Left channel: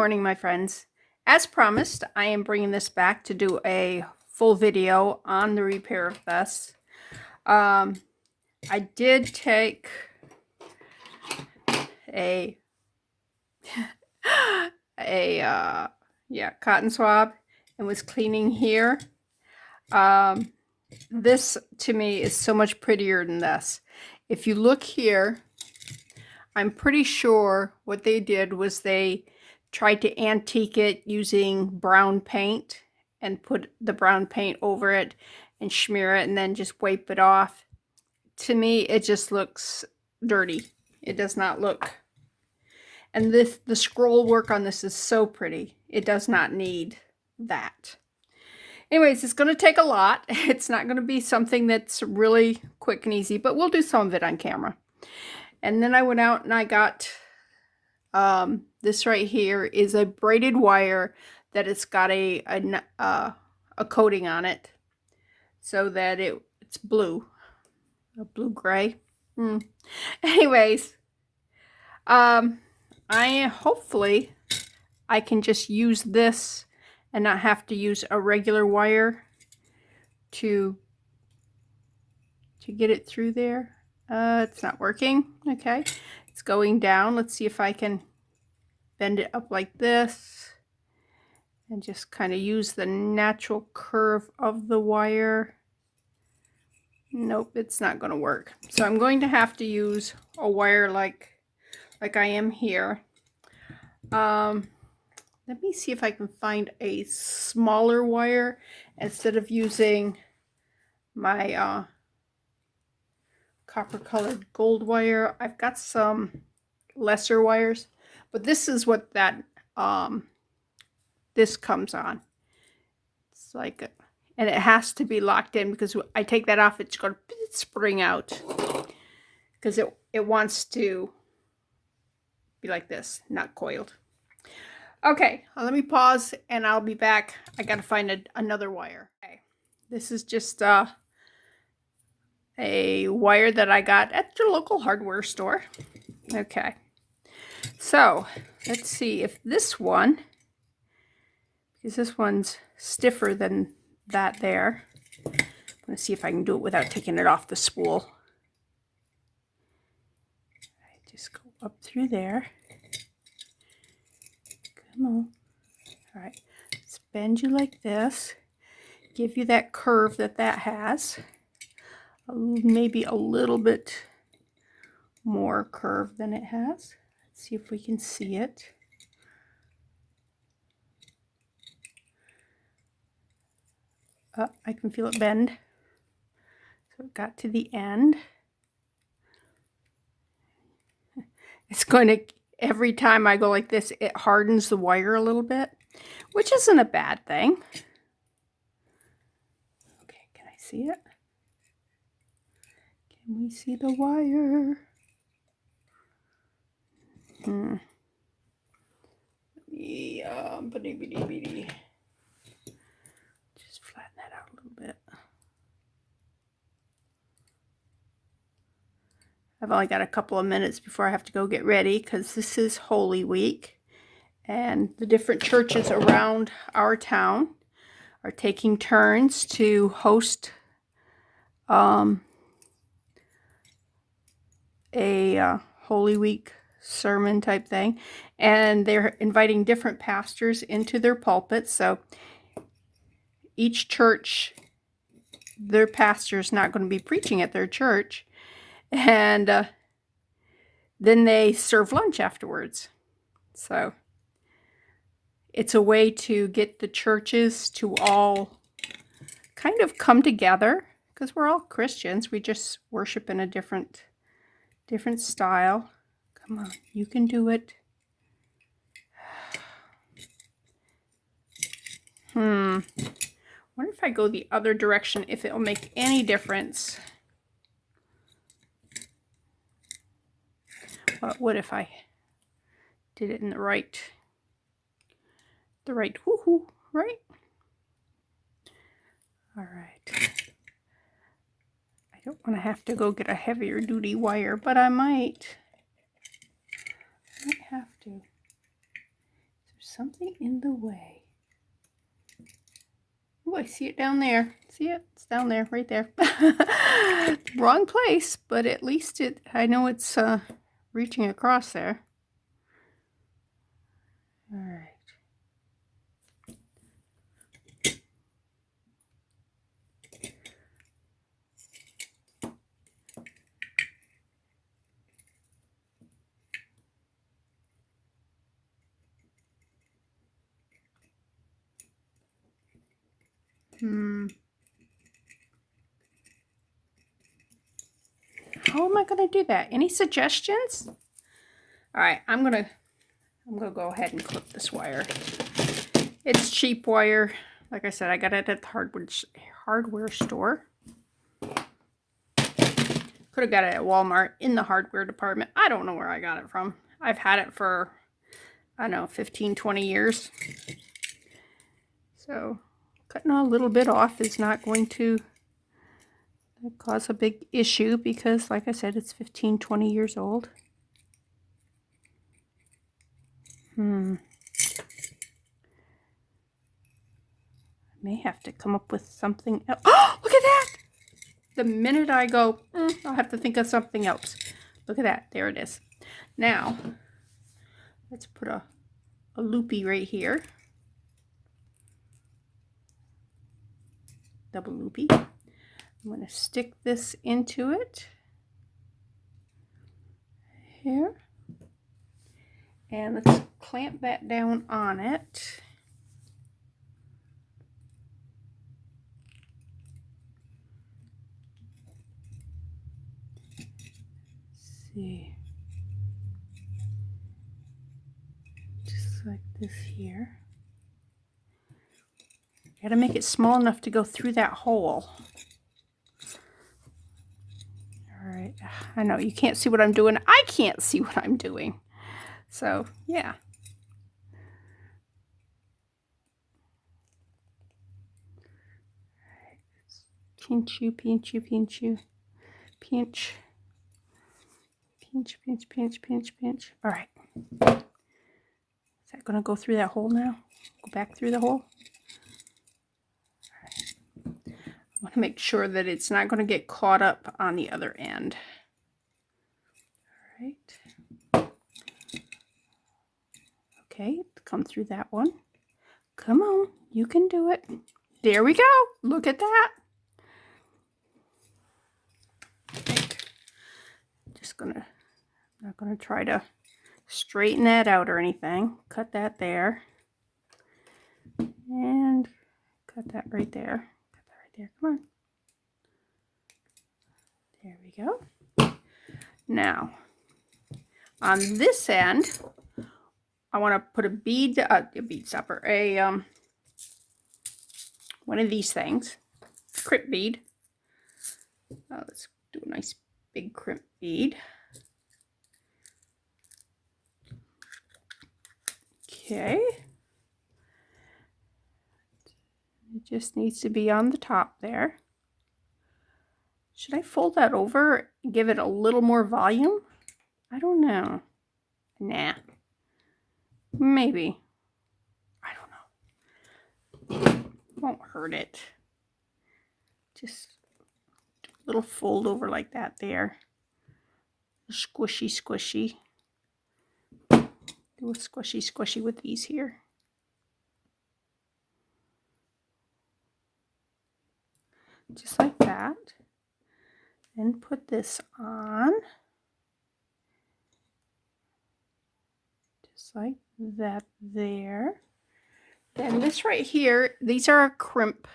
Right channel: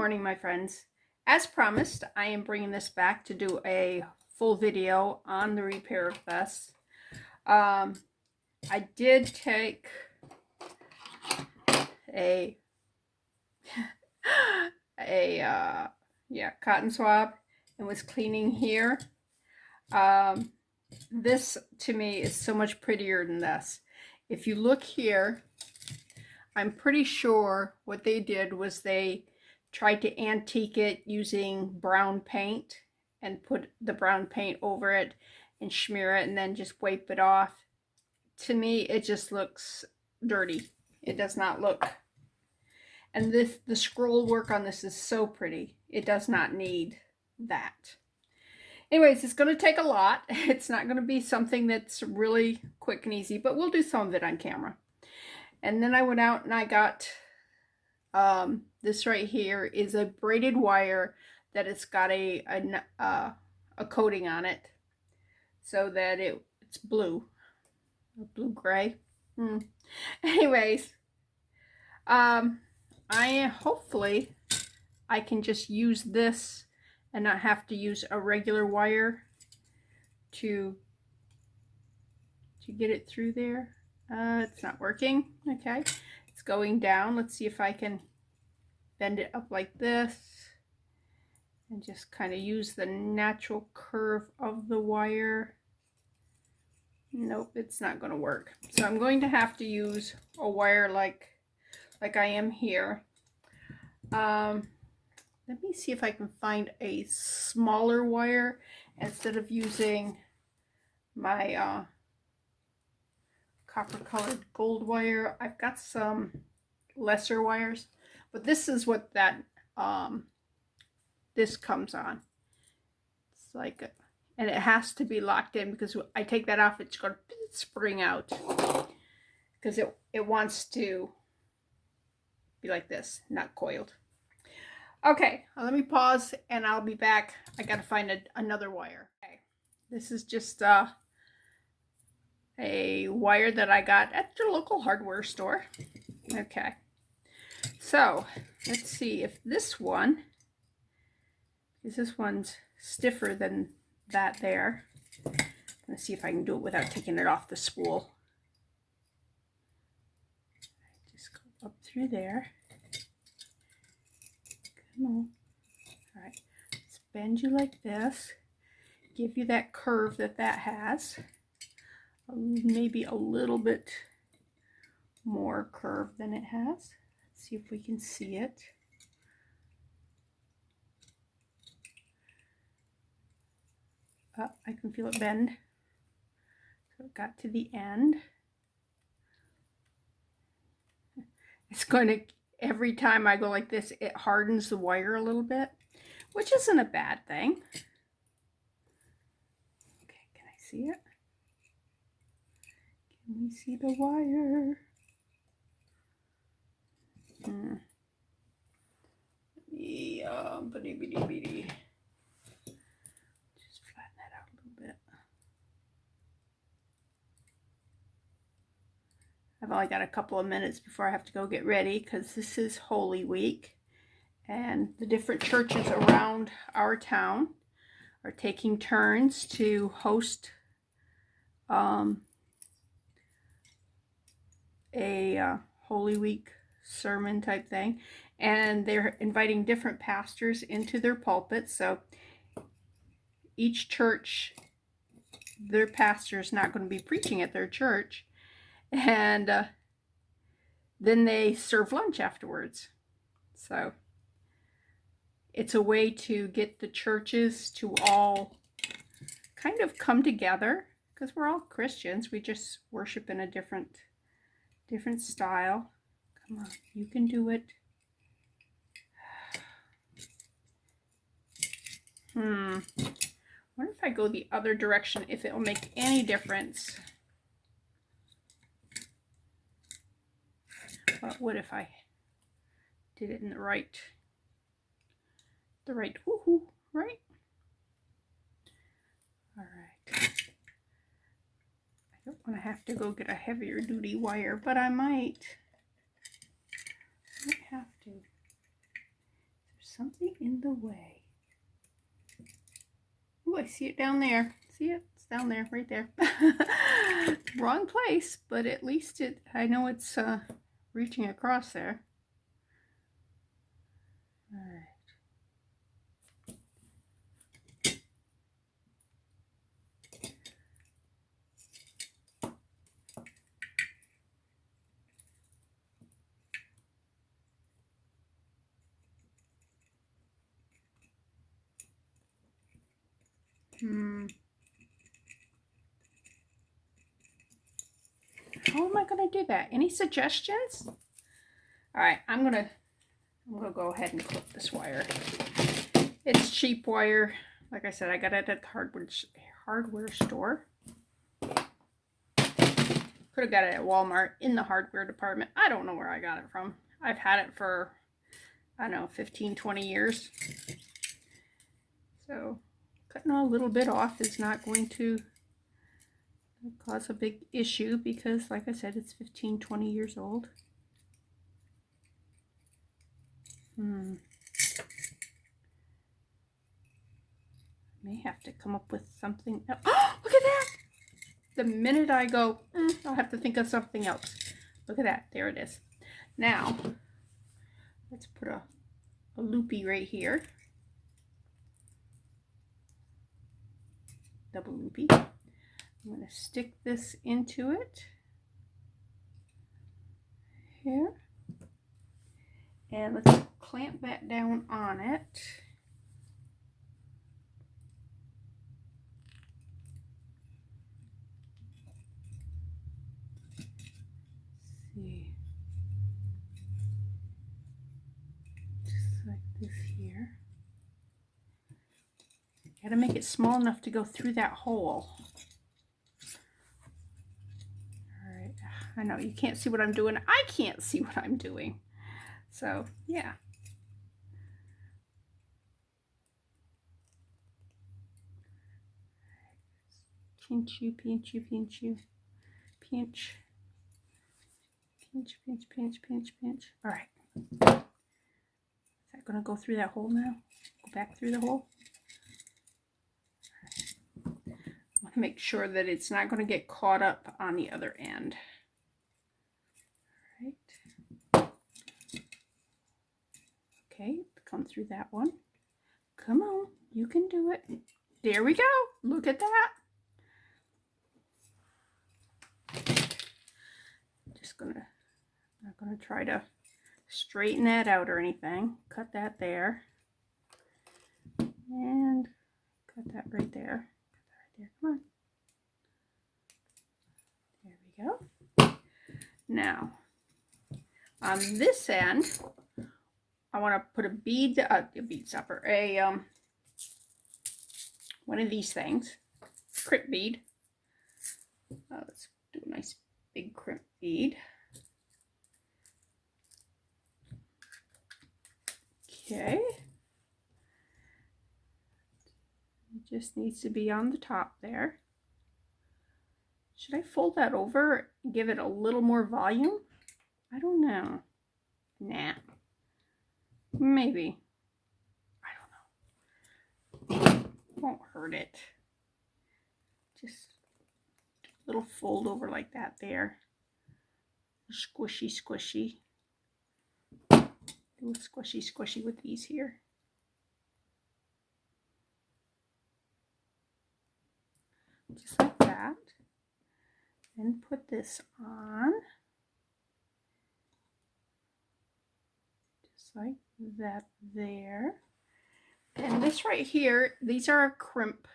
morning, my friends. As promised, I am bringing this back to do a full video on the repair of this. I did take a cotton swab and was cleaning here. This to me is so much prettier than this. If you look here, I'm pretty sure what they did was they tried to antique it using brown paint and put the brown paint over it and smear it and then just wipe it off. To me, it just looks dirty. It does not look. And the scroll work on this is so pretty. It does not need that. Anyways, it's going to take a lot. It's not going to be something that's really quick and easy, but we'll do some of it on camera. And then I went out and I got this right here is a braided wire that it's got a coating on it so that it's blue, a blue gray. Anyways, hopefully I can just use this and not have to use a regular wire to get it through there. It's not working. Okay, it's going down. Let's see if I can bend it up like this and just kind of use the natural curve of the wire. Nope, it's not going to work. So I'm going to have to use a wire like I am here. Let me see if I can find a smaller wire instead of using my copper colored gold wire. I've got some lesser wires, but this is what that this comes on. It's like and it has to be locked in because I take that off, it's going to spring out because it wants to be like this, not coiled. Okay, let me pause and I'll be back. I gotta find another wire. Okay, this is just a wire that I got at your local hardware store. Okay, so let's see if this one, because this one's stiffer than that there. I'm gonna see if I can do it without taking it off the spool. I just go up through there. Come on. All right, let's bend you like this. Give you that curve that has. Maybe a little bit more curve than it has. Let's see if we can see it. I can feel it bend. So it got to the end. It's going to, every time I go like this, it hardens the wire a little bit, which isn't a bad thing. Okay, can I see it? Can we see the wire? Just flatten that out a little bit. I've only got a couple of minutes before I have to go get ready because this is Holy Week and the different churches around our town are taking turns to host a Holy Week sermon type thing, and they're inviting different pastors into their pulpits. So each church, their pastor's not going to be preaching at their church, and then they serve lunch afterwards. So it's a way to get the churches to all kind of come together because we're all Christians. We just worship in a different style. Come on, you can do it. Wonder if I go the other direction, if it will make any difference. What would if I did it in the right woohoo, right? All right. I don't want to have to go get a heavier duty wire, but I might have to. Is there something in the way. Oh, I see it down there. See it? It's down there, right there. Wrong place, but at least I know it's reaching across there. All right. How am I going to do that? Any suggestions? All right, I'm gonna go ahead and clip this wire. It's cheap wire. Like I said, I got it at the hardware store. Could have got it at Walmart in the hardware department. I don't know where I got it from. I've had it for, I don't know, 15, 20 years. So cutting a little bit off is not going to cause a big issue because, like I said, it's 15, 20 years old. I may have to come up with something else. Oh, look at that! The minute I go, I'll have to think of something else. Look at that. There it is. Now, let's put a loopy right here. Double loopy. I'm going to stick this into it. Here. And let's clamp that down on it. See. Just like this here. Gotta make it small enough to go through that hole. All right, I know you can't see what I'm doing. I can't see what I'm doing. So, yeah. Pinch you, pinch you, pinch you. Pinch. Pinch, pinch, pinch, pinch, pinch. All right. Is that going to go through that hole now? Go back through the hole? I want to make sure that it's not going to get caught up on the other end. All right. Okay, come through that one. Come on, you can do it. There we go. Look at that. Not gonna try to straighten that out or anything. Cut that there. And cut that right there. Cut that right there. Come on. There we go. Now, on this end, I want to put a bead stopper, one of these things, crimp bead. Let's do a nice big crimp bead. Okay. It just needs to be on the top there. Should I fold that over and give it a little more volume? I don't know. Nah. Maybe. I don't know. Won't hurt it. Just a little fold over like that there. Squishy, squishy. Do a squishy, squishy with these here. Just like that. Then put this on. Just like that there. And this right here, these are a crimp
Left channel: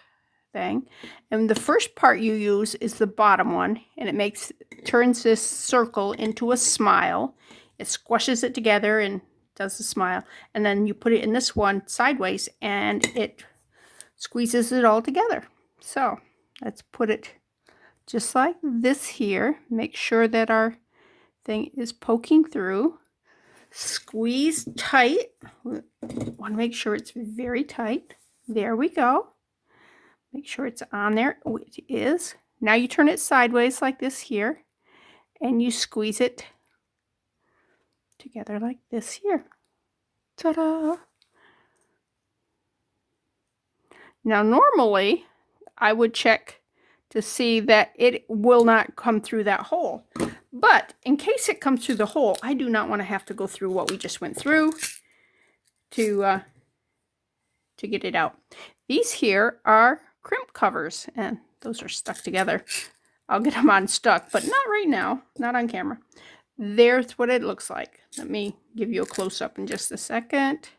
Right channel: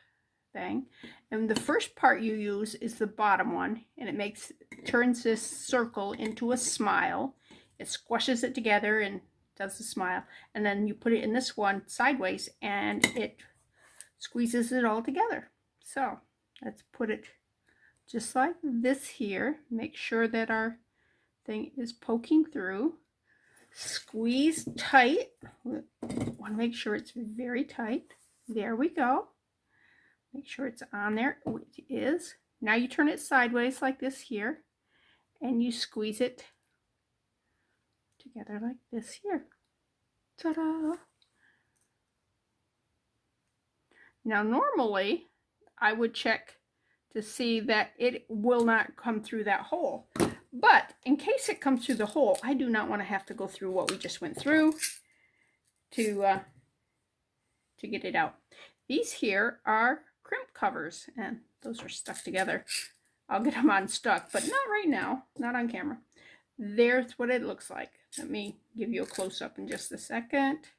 thing. And the first part you use is the bottom one. And it turns this circle into a smile. It squishes it together and does the smile. And then you put it in this one sideways and it squeezes it all together. So let's put it just like this here. Make sure that our thing is poking through. Squeeze tight. Want to make sure it's very tight. There we go. Make sure it's on there. Oh, it is. Now you turn it sideways like this here, and you squeeze it together like this here. Ta-da! Now normally I would check to see that it will not come through that hole. But in case it comes through the hole, I do not want to have to go through what we just went through to get it out. These here are crimp covers, and those are stuck together. I'll get them unstuck, but not right now, not on camera. There's what it looks like. Let me give you a close-up in just a second.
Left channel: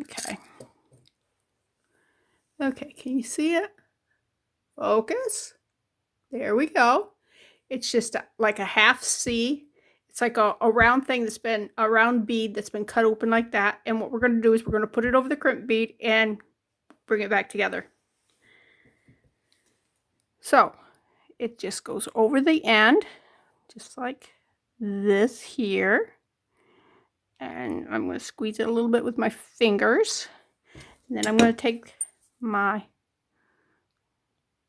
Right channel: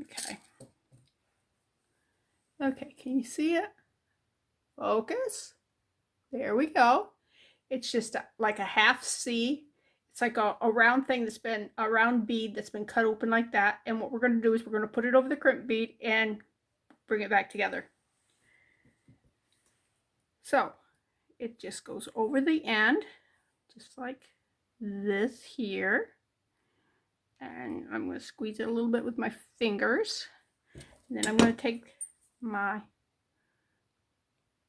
Okay. Okay, can you see it? Focus. There we go. It's just like a half C. It's like a round thing that's been, a round bead that's been cut open like that. And what we're going to do is we're going to put it over the crimp bead and bring it back together. So it just goes over the end, just like this here. And I'm going to squeeze it a little bit with my fingers. And then I'm going to take my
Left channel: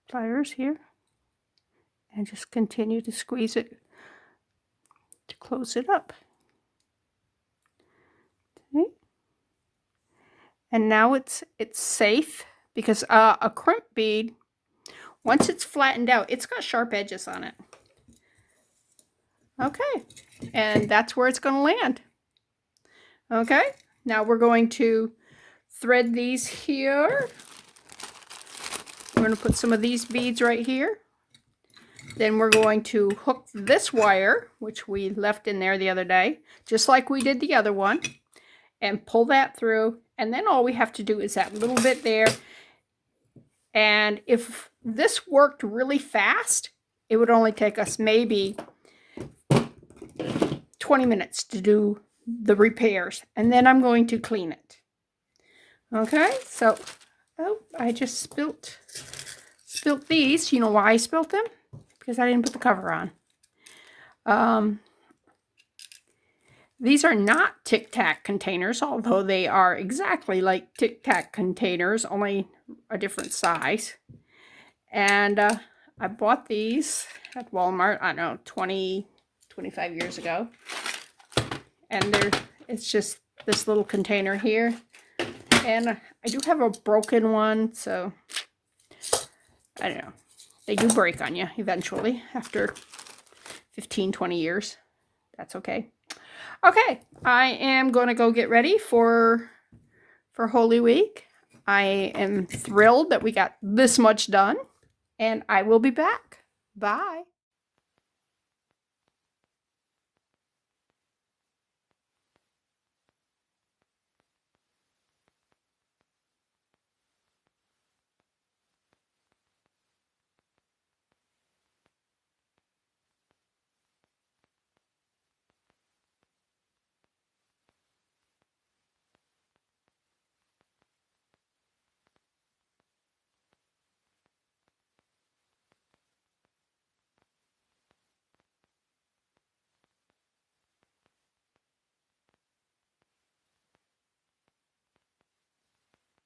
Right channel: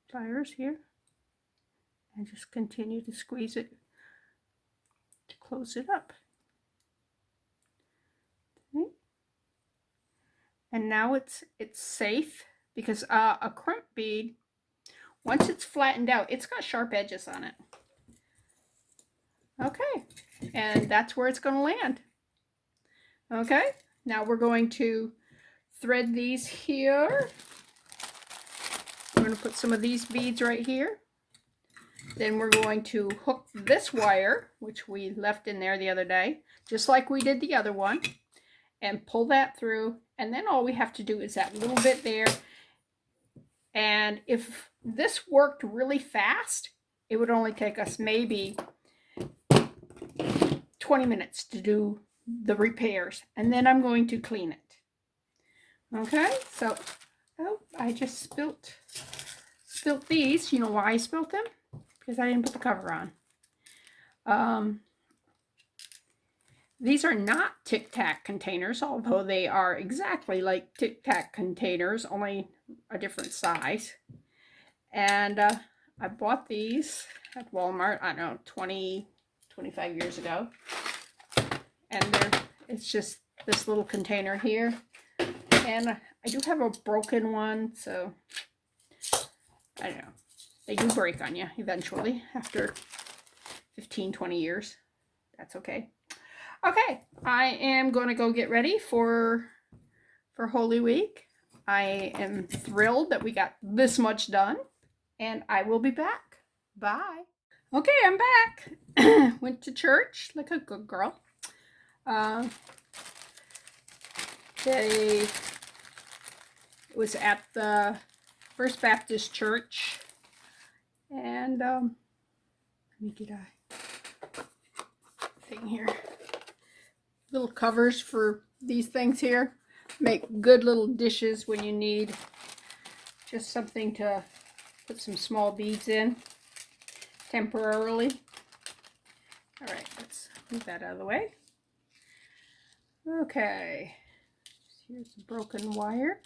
pliers here and just continue to squeeze it to close it up. Okay. And now it's safe, because a crimp bead, once it's flattened out, it's got sharp edges on it. Okay, and that's where it's going to land. Okay, now we're going to thread these here. We're going to put some of these beads right here. Then we're going to hook this wire, which we left in there the other day, just like we did the other one, and pull that through. And then all we have to do is that little bit there. And if this worked really fast, it would only take us maybe 20 minutes to do the repairs, and then I'm going to clean it. Okay, so I just spilt these. You know why I spilt them? Because I didn't put the cover on. These are not Tic Tac containers, although they are exactly like Tic Tac containers, only a different size. And I bought these at Walmart, I don't know, 25 years ago. And it's just this little container here. And I do have a broken one, so I don't know. They do break on you eventually after 15, 20 years. That's okay. Okay, I am going to go get ready for Holy Week. I am thrilled that we got this much done, and I will be back. Bye. Okay, I'm back. Went to church like a good girl. It was at the First Baptist Church, and let me get a thing here. Little covers for these things here. Make good little dishes when you need just something to put some small beads in temporarily. All right, let's move that out of the way. Okay, here's the broken wire.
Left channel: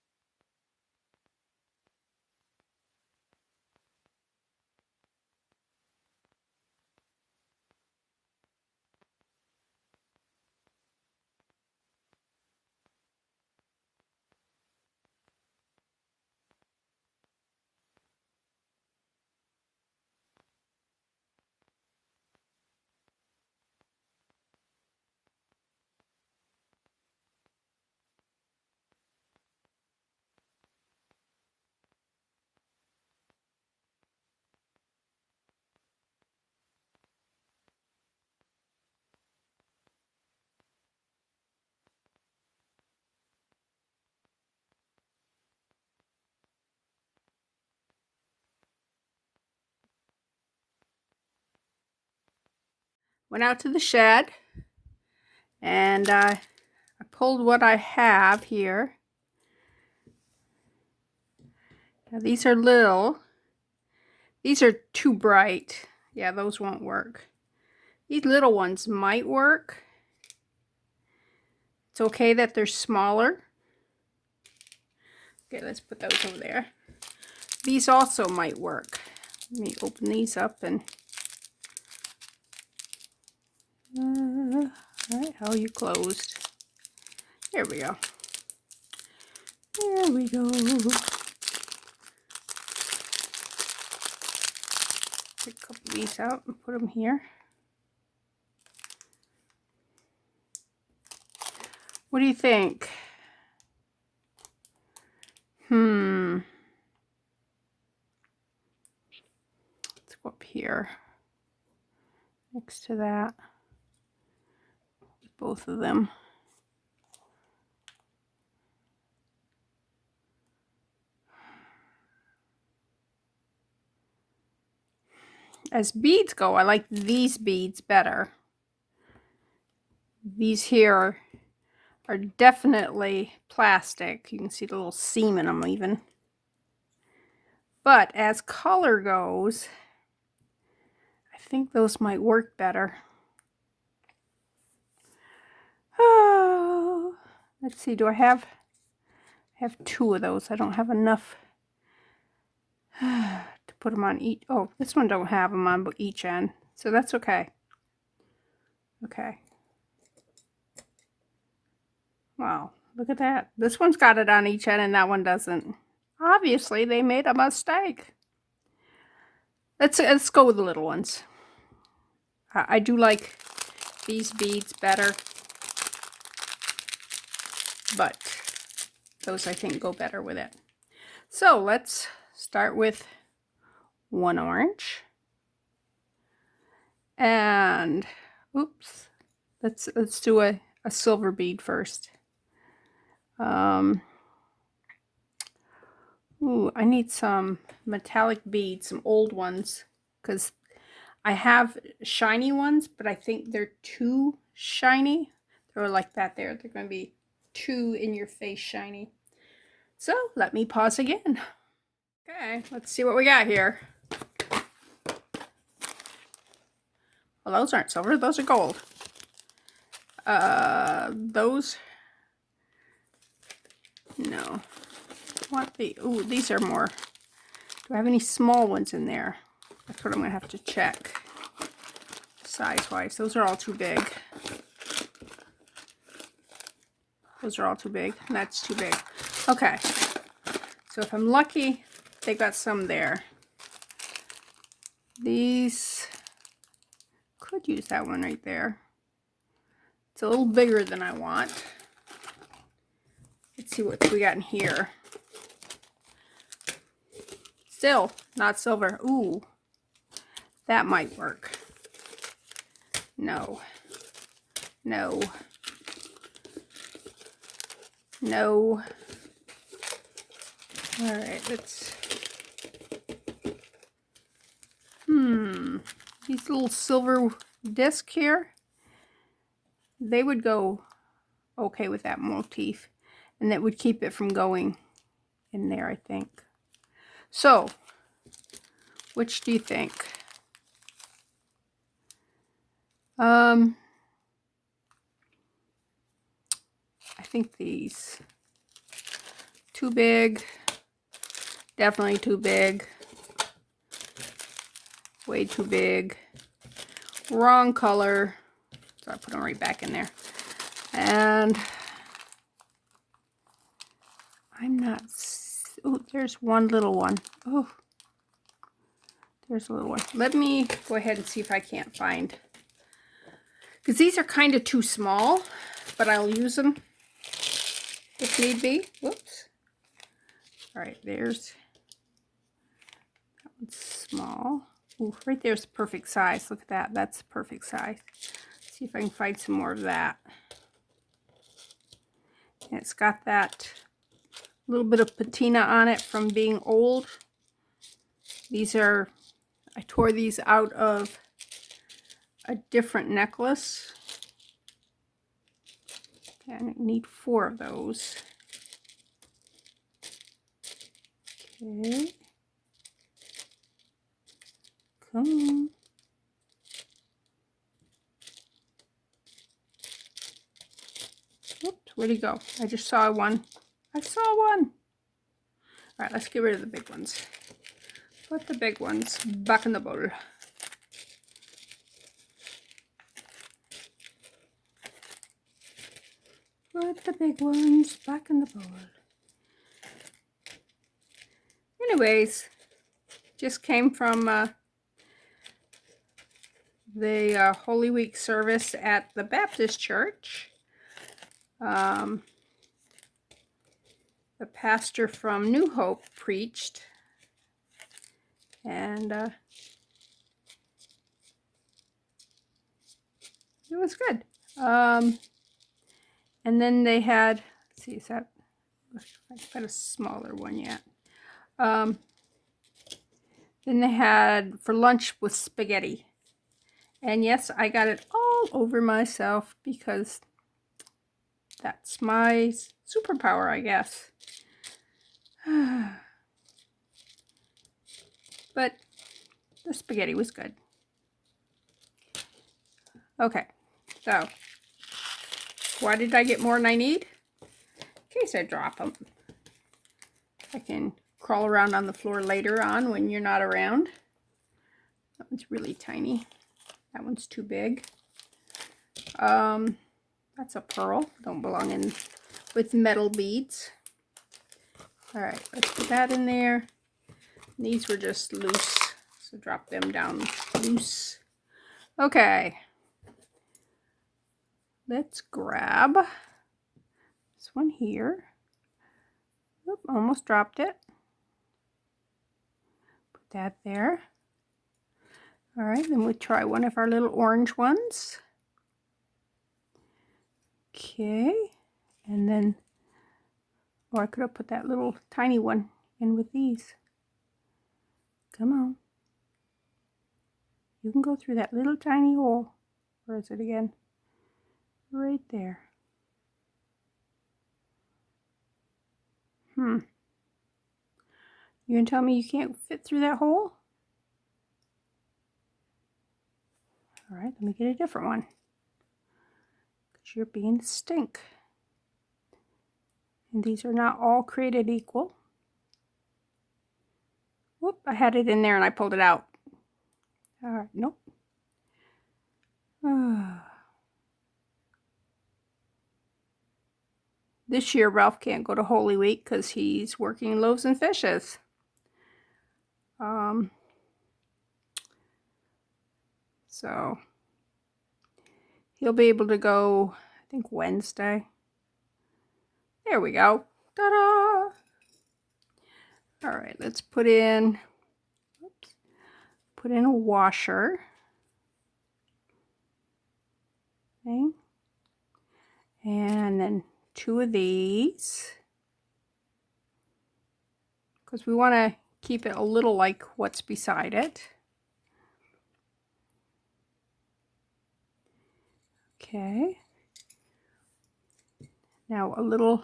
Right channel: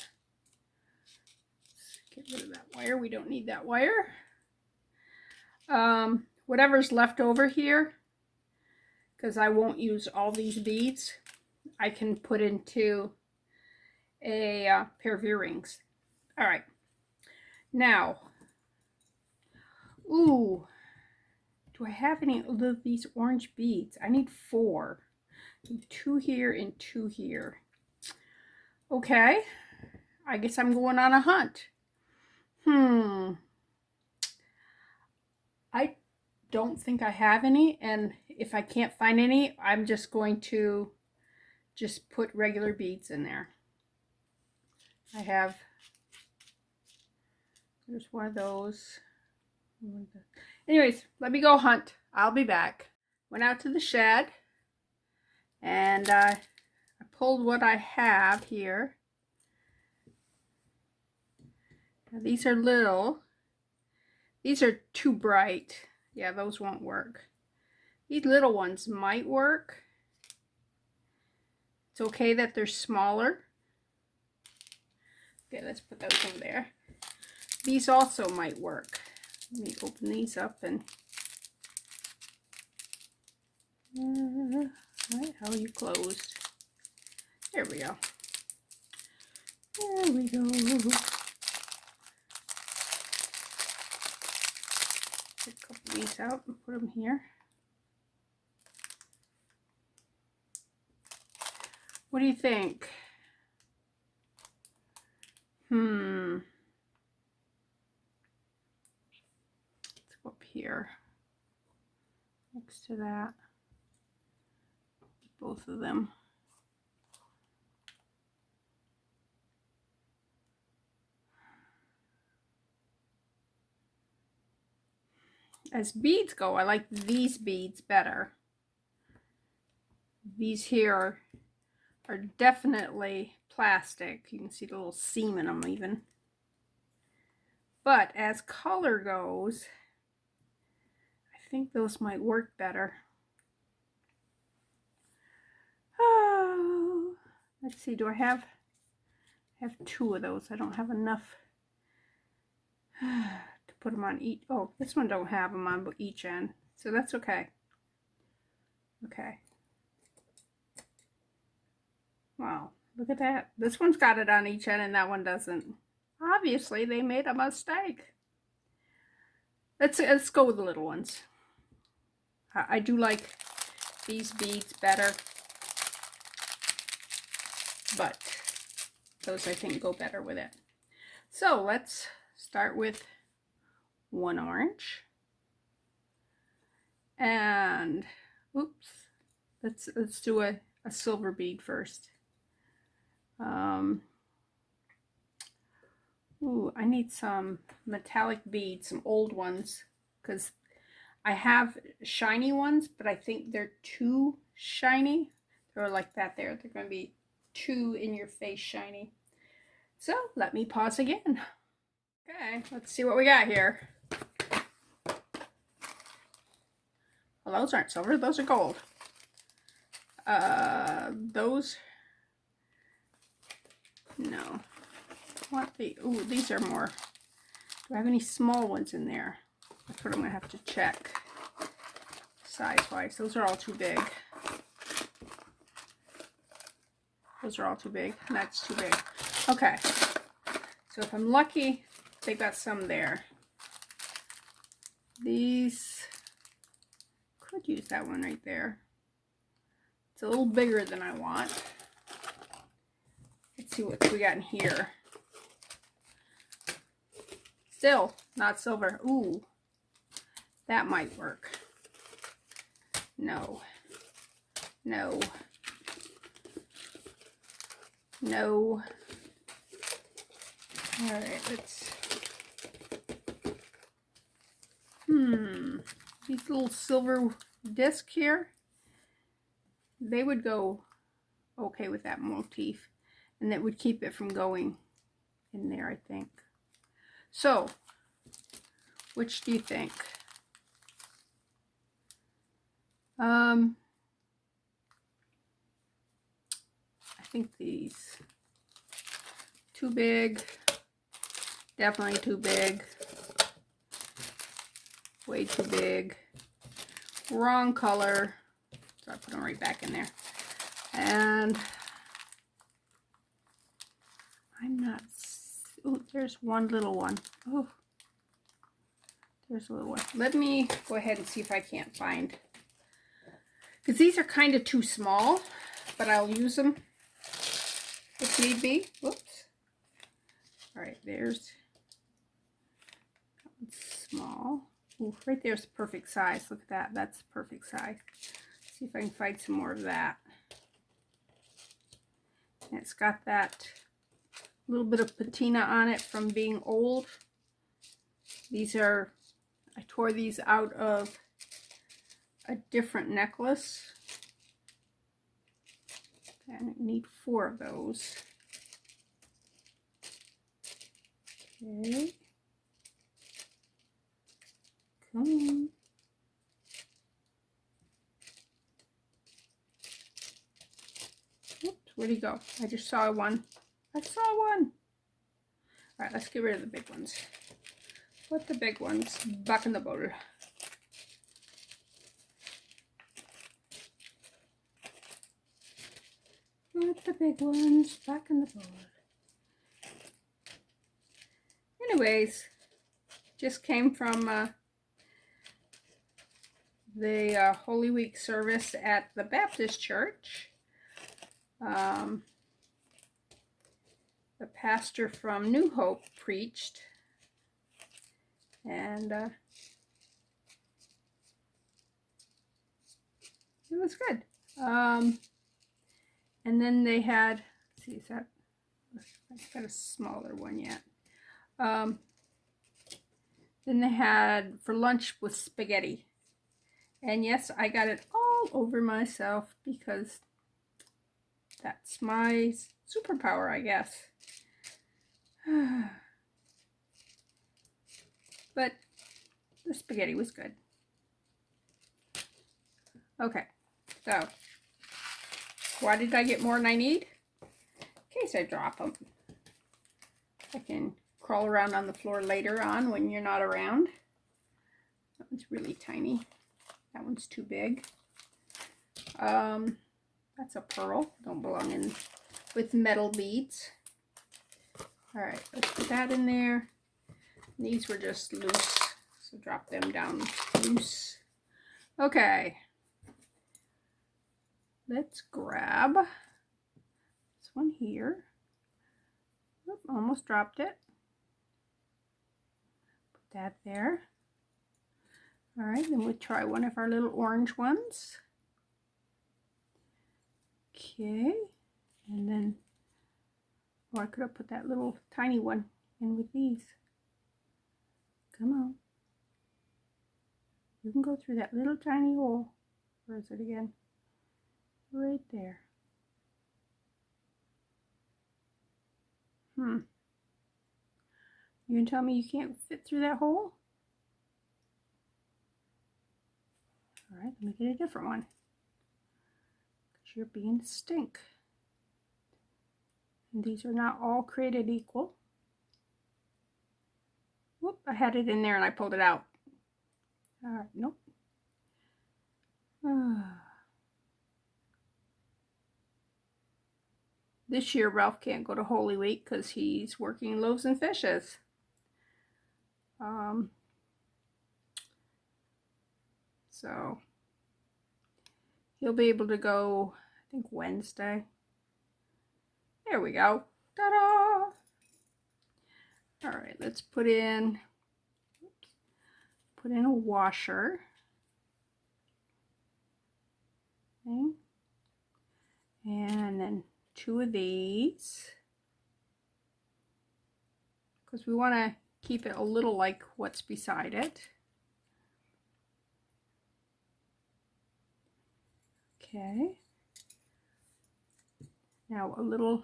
Let's get rid of that wire. We don't need that wire. Whatever's left over here, because I won't use all these beads, I can put into a pair of earrings. All right. Now, ooh, do I have any of these orange beads? I need 4. 2 here and 2 here. Okay, I guess I'm going on a hunt. I don't think I have any, and if I can't find any, I'm just going to just put regular beads in there. I have, there's one of those. Anyways, let me go hunt. I'll be back. Went out to the shed, and I pulled what I have here. Now these are little. These are too bright. Yeah, those won't work. These little ones might work. It's okay that they're smaller. Okay, let's put those over there. These also might work. Let me open these up and... all right, how are you closed? There we go. There we go. Take a couple of these out and put them here. What do you think? Let's go up here next to that. Both of them. As beads go, I like these beads better. These here are definitely plastic. You can see the little seam in them even. But as color goes, I think those might work better. Oh, let's see, do I have two of those? I don't have enough to put them on each. Oh, this one don't have them on each end, so that's okay. Okay. Wow, look at that. This one's got it on each end and that one doesn't. Obviously, they made a mistake. Let's go with the little ones. I do like these beads better, but those I think go better with it. So let's start with one orange. And oops, let's do a silver bead first. Ooh, I need some metallic beads, some old ones, because I have shiny ones, but I think they're too shiny. They're like that there. They're going to be too in your face shiny. So let me pause again. Okay, let's see what we got here. Well, those aren't silver, those are gold. Those, no. What the, ooh, these are more. Do I have any small ones in there? That's what I'm gonna have to check. Size-wise, those are all too big. Those are all too big, and that's too big. Okay, so if I'm lucky, they got some there. These, could use that one right there. It's a little bigger than I want. Let's see what we got in here. Still not silver. Ooh, that might work. No, no, no. All right, let's, these little silver disc here, they would go okay with that motif, and that would keep it from going in there, I think. So, which do you think? I think these. Too big. Definitely too big. Way too big. Wrong color. So I put them right back in there. And I'm not... Oh, there's one little one. Oh, there's a little one. Let me go ahead and see if I can't find... Because these are kind of too small, but I'll use them if need be. Whoops. All right, there's... That one's small. Ooh, right there's the perfect size. Look at that. That's the perfect size. Let's see if I can find some more of that. And it's got that little bit of patina on it from being old. These are, I tore these out of a different necklace. And I need 4 of those. Okay. Come on. Oops, where'd he go? I just saw one. I saw one. All right, let's get rid of the big ones. Put the big ones back in the bowl. Put the big ones back in the bowl. Anyways, just came from the Holy Week service at the Baptist church. The pastor from New Hope preached, and it was good. And then they had, let's see, is that, I've got a smaller one yet. Then they had for lunch with spaghetti. And yes, I got it all over myself because that's my superpower, I guess. But the spaghetti was good. Okay, so why did I get more than I need? In case I drop them. I can crawl around on the floor later on when you're not around. That one's really tiny. That one's too big. That's a pearl. Don't belong in with metal beads. All right, let's put that in there. These were just loose, so drop them down loose. Okay. Let's grab this one here. Oop, almost dropped it. Put that there. All right, then we'll try one of our little orange ones. Okay, and then, or I could have put that little tiny one in with these. Come on. You can go through that little tiny hole. Where is it again? Right there. You can tell me you can't fit through that hole? All right, let me get a different one. Because you're being a stink. And these are not all created equal. Whoop, I had it in there and I pulled it out. All right, nope. This year, Ralph can't go to Holy Week because he's working loaves and fishes. So he'll be able to go, I think, Wednesday. There we go. Ta-da! All right, let's put in a washer. Okay. And then 2 of these, because we want to keep it a little like what's beside it. Okay. Now a little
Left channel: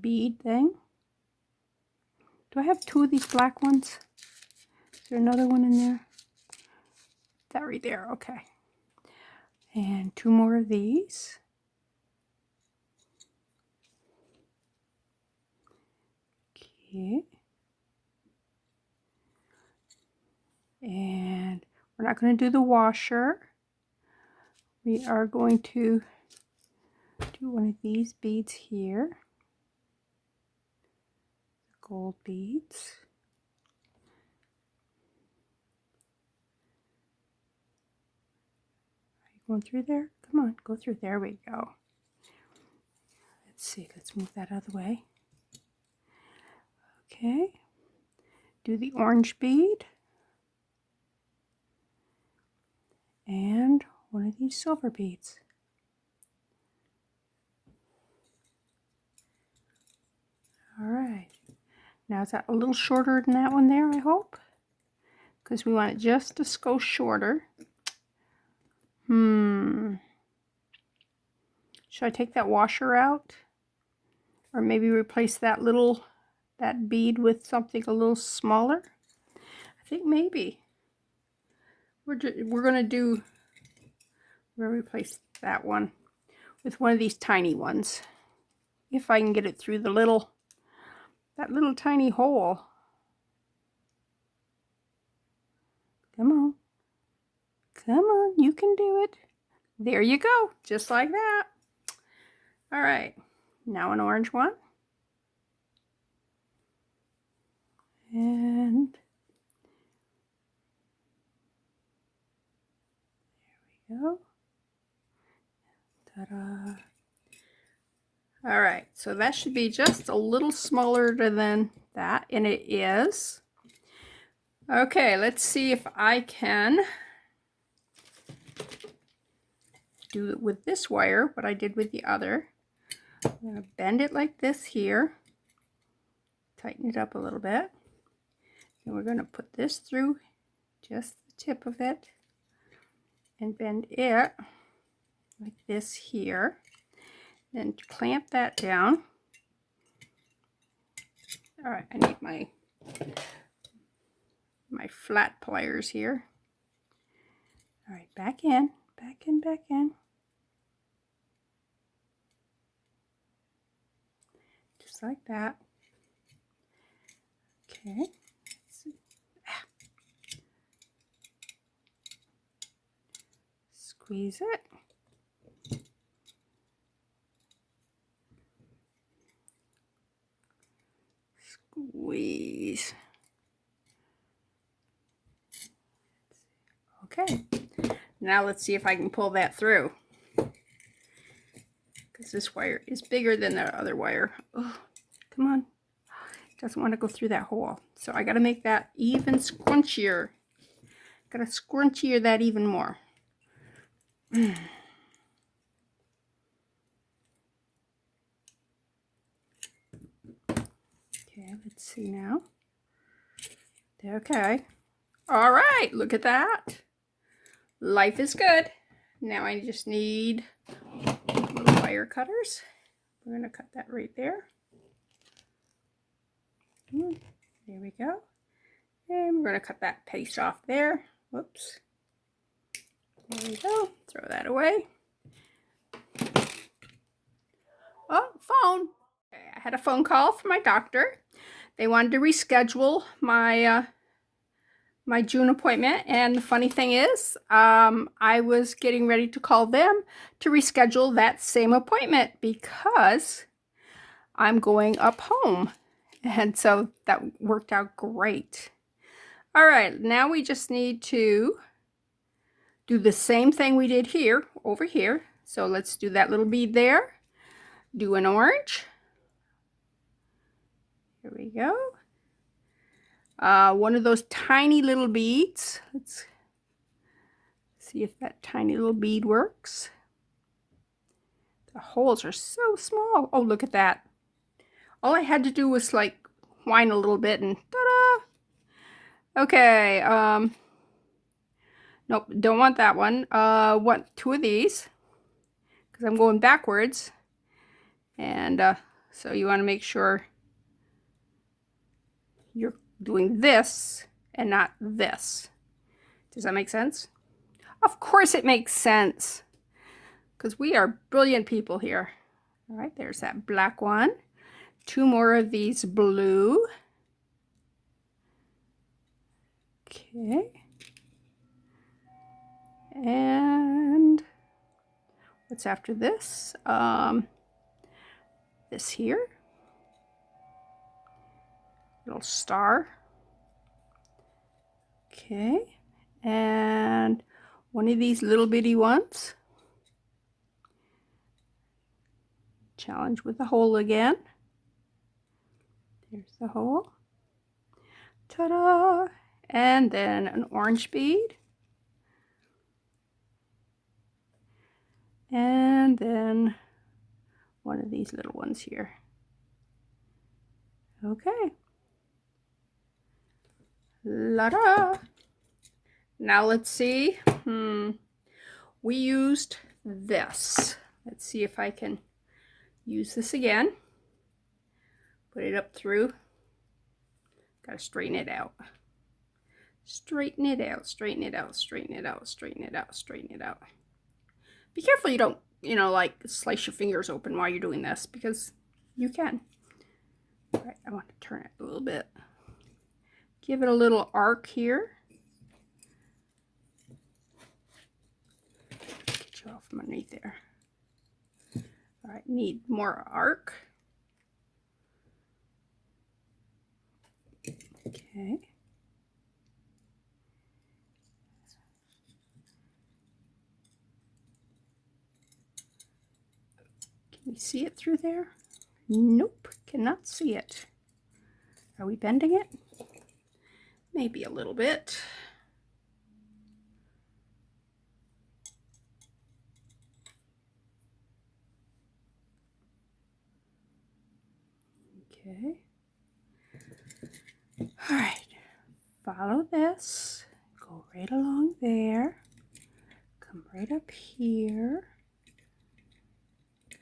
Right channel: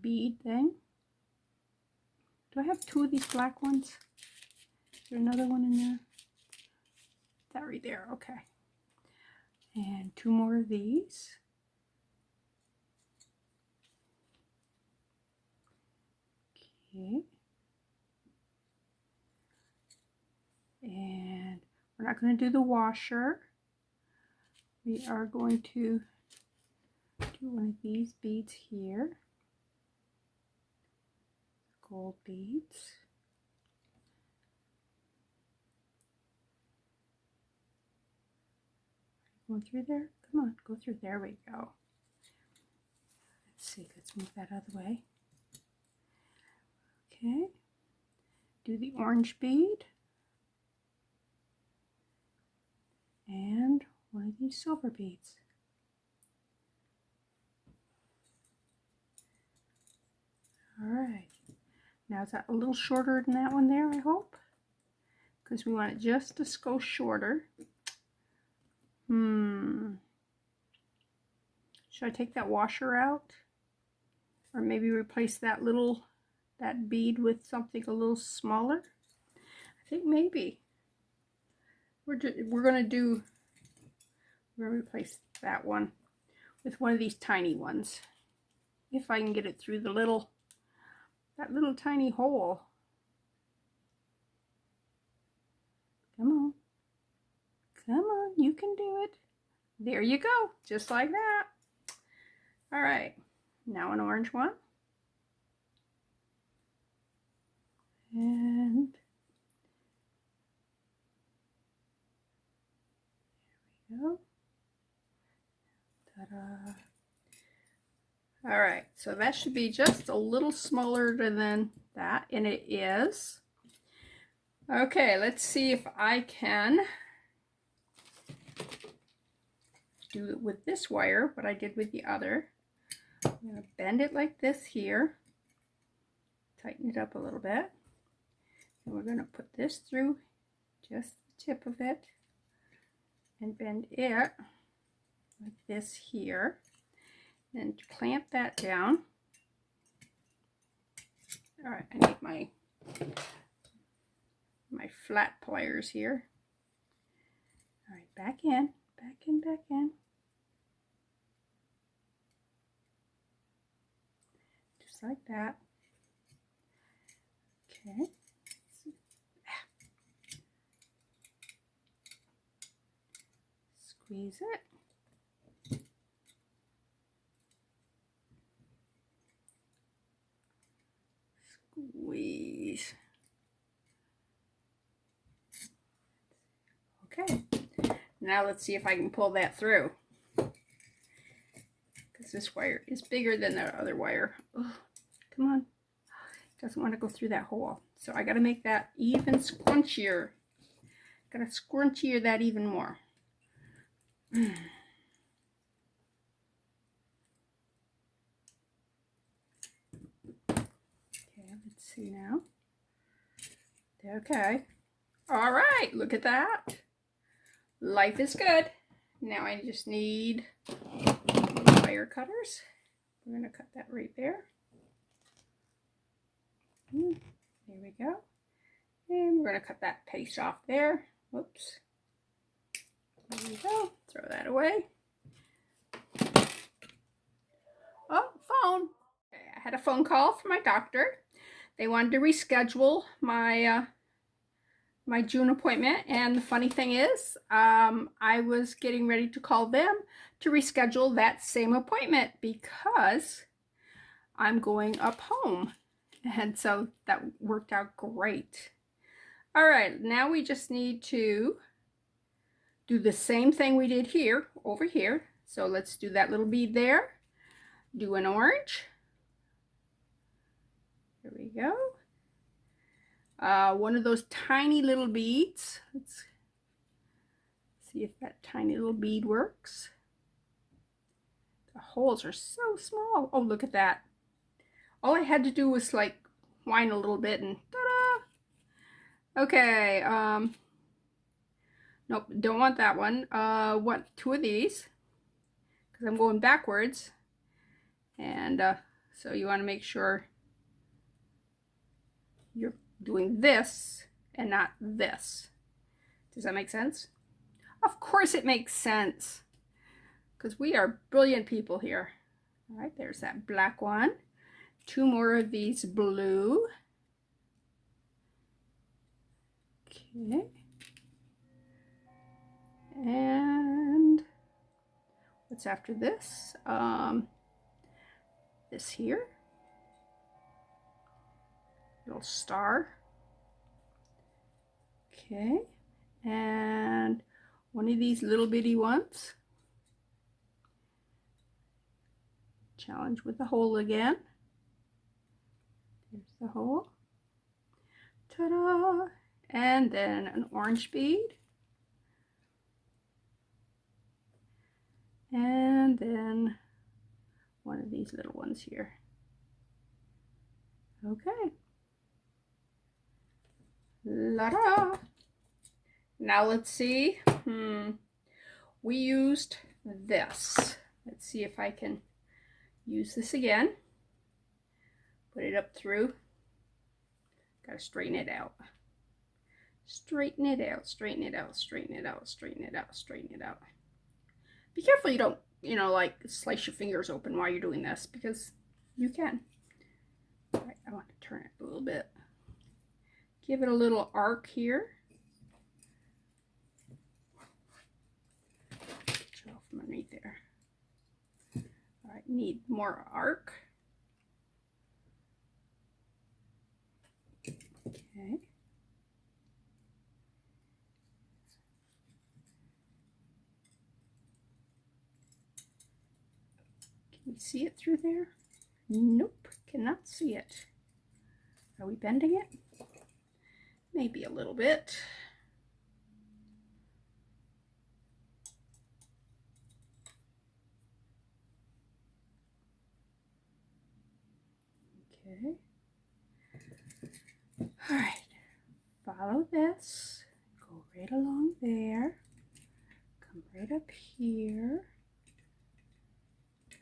bead thing. Do I have 2 of these black ones? Is there another one in there? That right there, okay. And 2 more of these. Okay. And we're not going to do the washer. We are going to do one of these beads here. Gold beads. Are you going through there? Come on, go through. There we go. Let's see, let's move that out of the way. Okay. Do the orange bead. And one of these silver beads. All right. Now is that a little shorter than that one there, I hope? Because we want it just to go shorter. Should I take that washer out? Or maybe replace that bead with something a little smaller? I think maybe. We're going to replace that one with one of these tiny ones. If I can get it through that little tiny hole. Come on. Come on, you can do it. There you go, just like that. All right, now an orange one. And Ta-da. All right, so that should be just a little smaller than that, and it is. Okay, let's see if I can do it with this wire, what I did with the other. I'm going to bend it like this here, tighten it up a little bit, and we're going to put this through just the tip of it and bend it like this here. Then clamp that down. All right, I need my flat pliers here. All right, back in, back in, back in. Just like that. Okay. Squeeze it. Squeeze. Okay, now let's see if I can pull that through, because this wire is bigger than the other wire. Oh, come on. It doesn't want to go through that hole. So I got to make that even scrunchier. Got to scrunchier that even more. Okay, let's see now. Okay. All right, look at that. Life is good. Now I just need wire cutters. We're going to cut that right there. There we go. And we're going to cut that piece off there. Whoops. There we go. Throw that away. Oh, phone. Okay, I had a phone call from my doctor. They wanted to reschedule my my June appointment, and the funny thing is, I was getting ready to call them to reschedule that same appointment because I'm going up home, and so that worked out great. All right, now we just need to do the same thing we did here over here. So let's do that little bead there, do an orange. Here we go. One of those tiny little beads. Let's see if that tiny little bead works. The holes are so small. Oh, look at that. All I had to do was like whine a little bit and ta-da! Okay, nope, don't want that one. Want two of these because I'm going backwards. And so you want to make sure you're doing this and not this. Does that make sense? Of course it makes sense, because we are brilliant people here. All right, there's that black one. Two more of these blue. Okay. And what's after this? This here. Little star. Okay. And one of these little bitty ones. Challenge with the hole again. There's the hole. Ta-da! And then an orange bead. And then one of these little ones here. Okay. La-da! Now let's see. We used this. Let's see if I can use this again. Put it up through. Gotta straighten it out. Straighten it out, straighten it out, straighten it out, straighten it out, straighten it out. Be careful you don't, like slice your fingers open while you're doing this, because you can. All right, I want to turn it a little bit. Give it a little arc here. Get you off from underneath there. All right, need more arc. Okay. see it through there? Nope, cannot see it. Are we bending it? Maybe a little bit. Okay. All right. Follow this. Go right along there. Come right up here.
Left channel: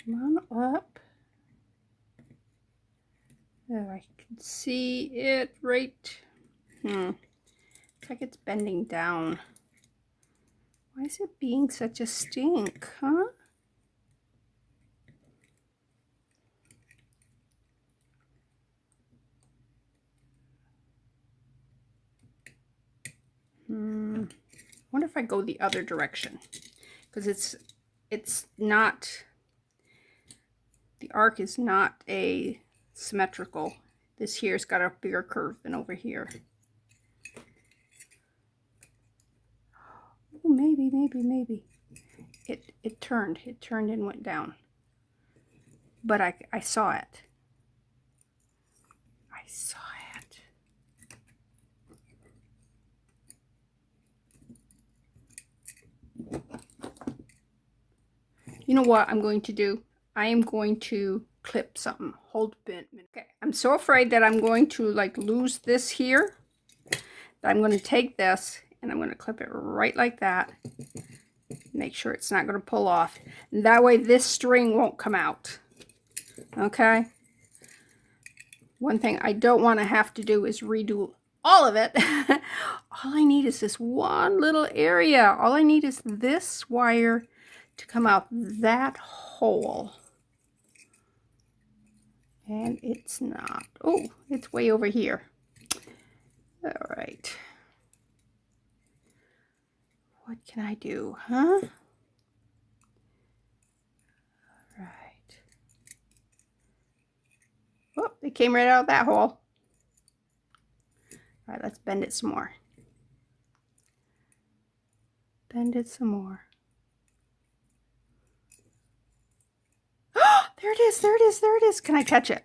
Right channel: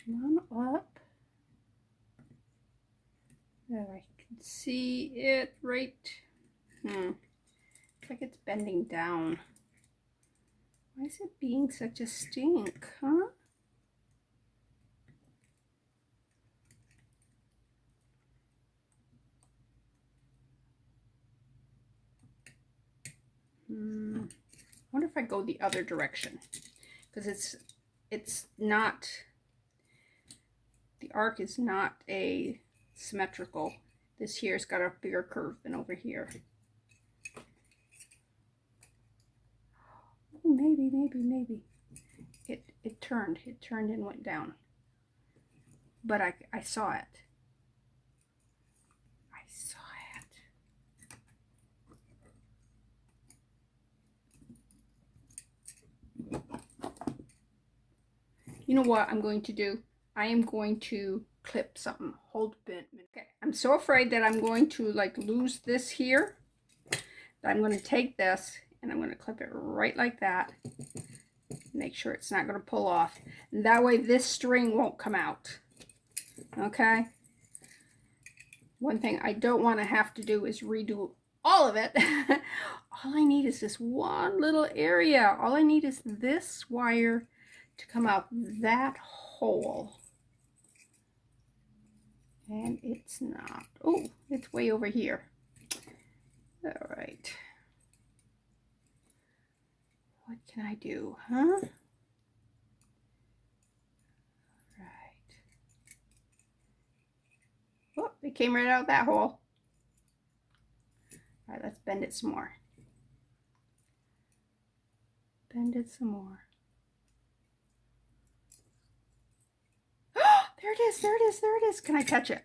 Come on up. Oh, I can see it right. It's like it's bending down. Why is it being such a stink, huh? I wonder if I go the other direction, because it's not, the arc is not a symmetrical. This here's got a bigger curve than over here. Oh, maybe. It turned and went down. But I saw it. I saw it. You know what I'm going to do? I am going to clip something. Hold a minute. Okay, I'm so afraid that I'm going to like lose this here. That I'm going to take this and I'm going to clip it right like that. Make sure it's not going to pull off. And that way this string won't come out. Okay? One thing I don't want to have to do is redo all of it. All I need is this one little area. All I need is this wire to come out that hole. And it's not. Oh, it's way over here. All right. What can I do, huh? All right. Oh, it came right out that hole. All right, let's bend it some more. Bend it some more. Oh, there it is, there it is, there it is. Can I catch it?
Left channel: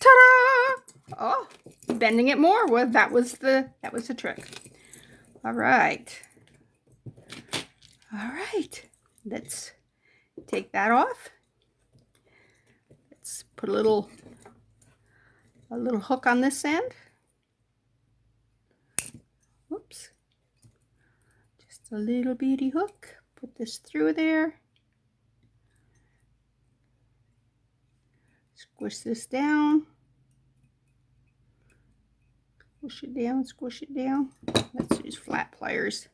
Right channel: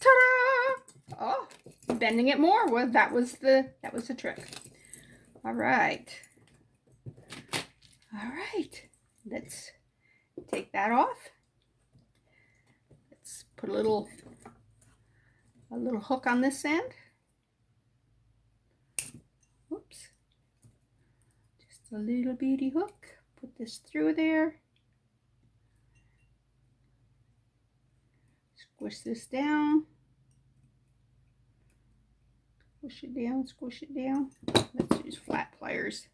Ta-da! Oh, bending it more. Well, that was the trick. All right. All right. Let's take that off. Let's put a little hook on this end. Whoops. Just a little bitty hook. Put this through there. Squish this down. Squish it down, squish it down. Let's use flat pliers.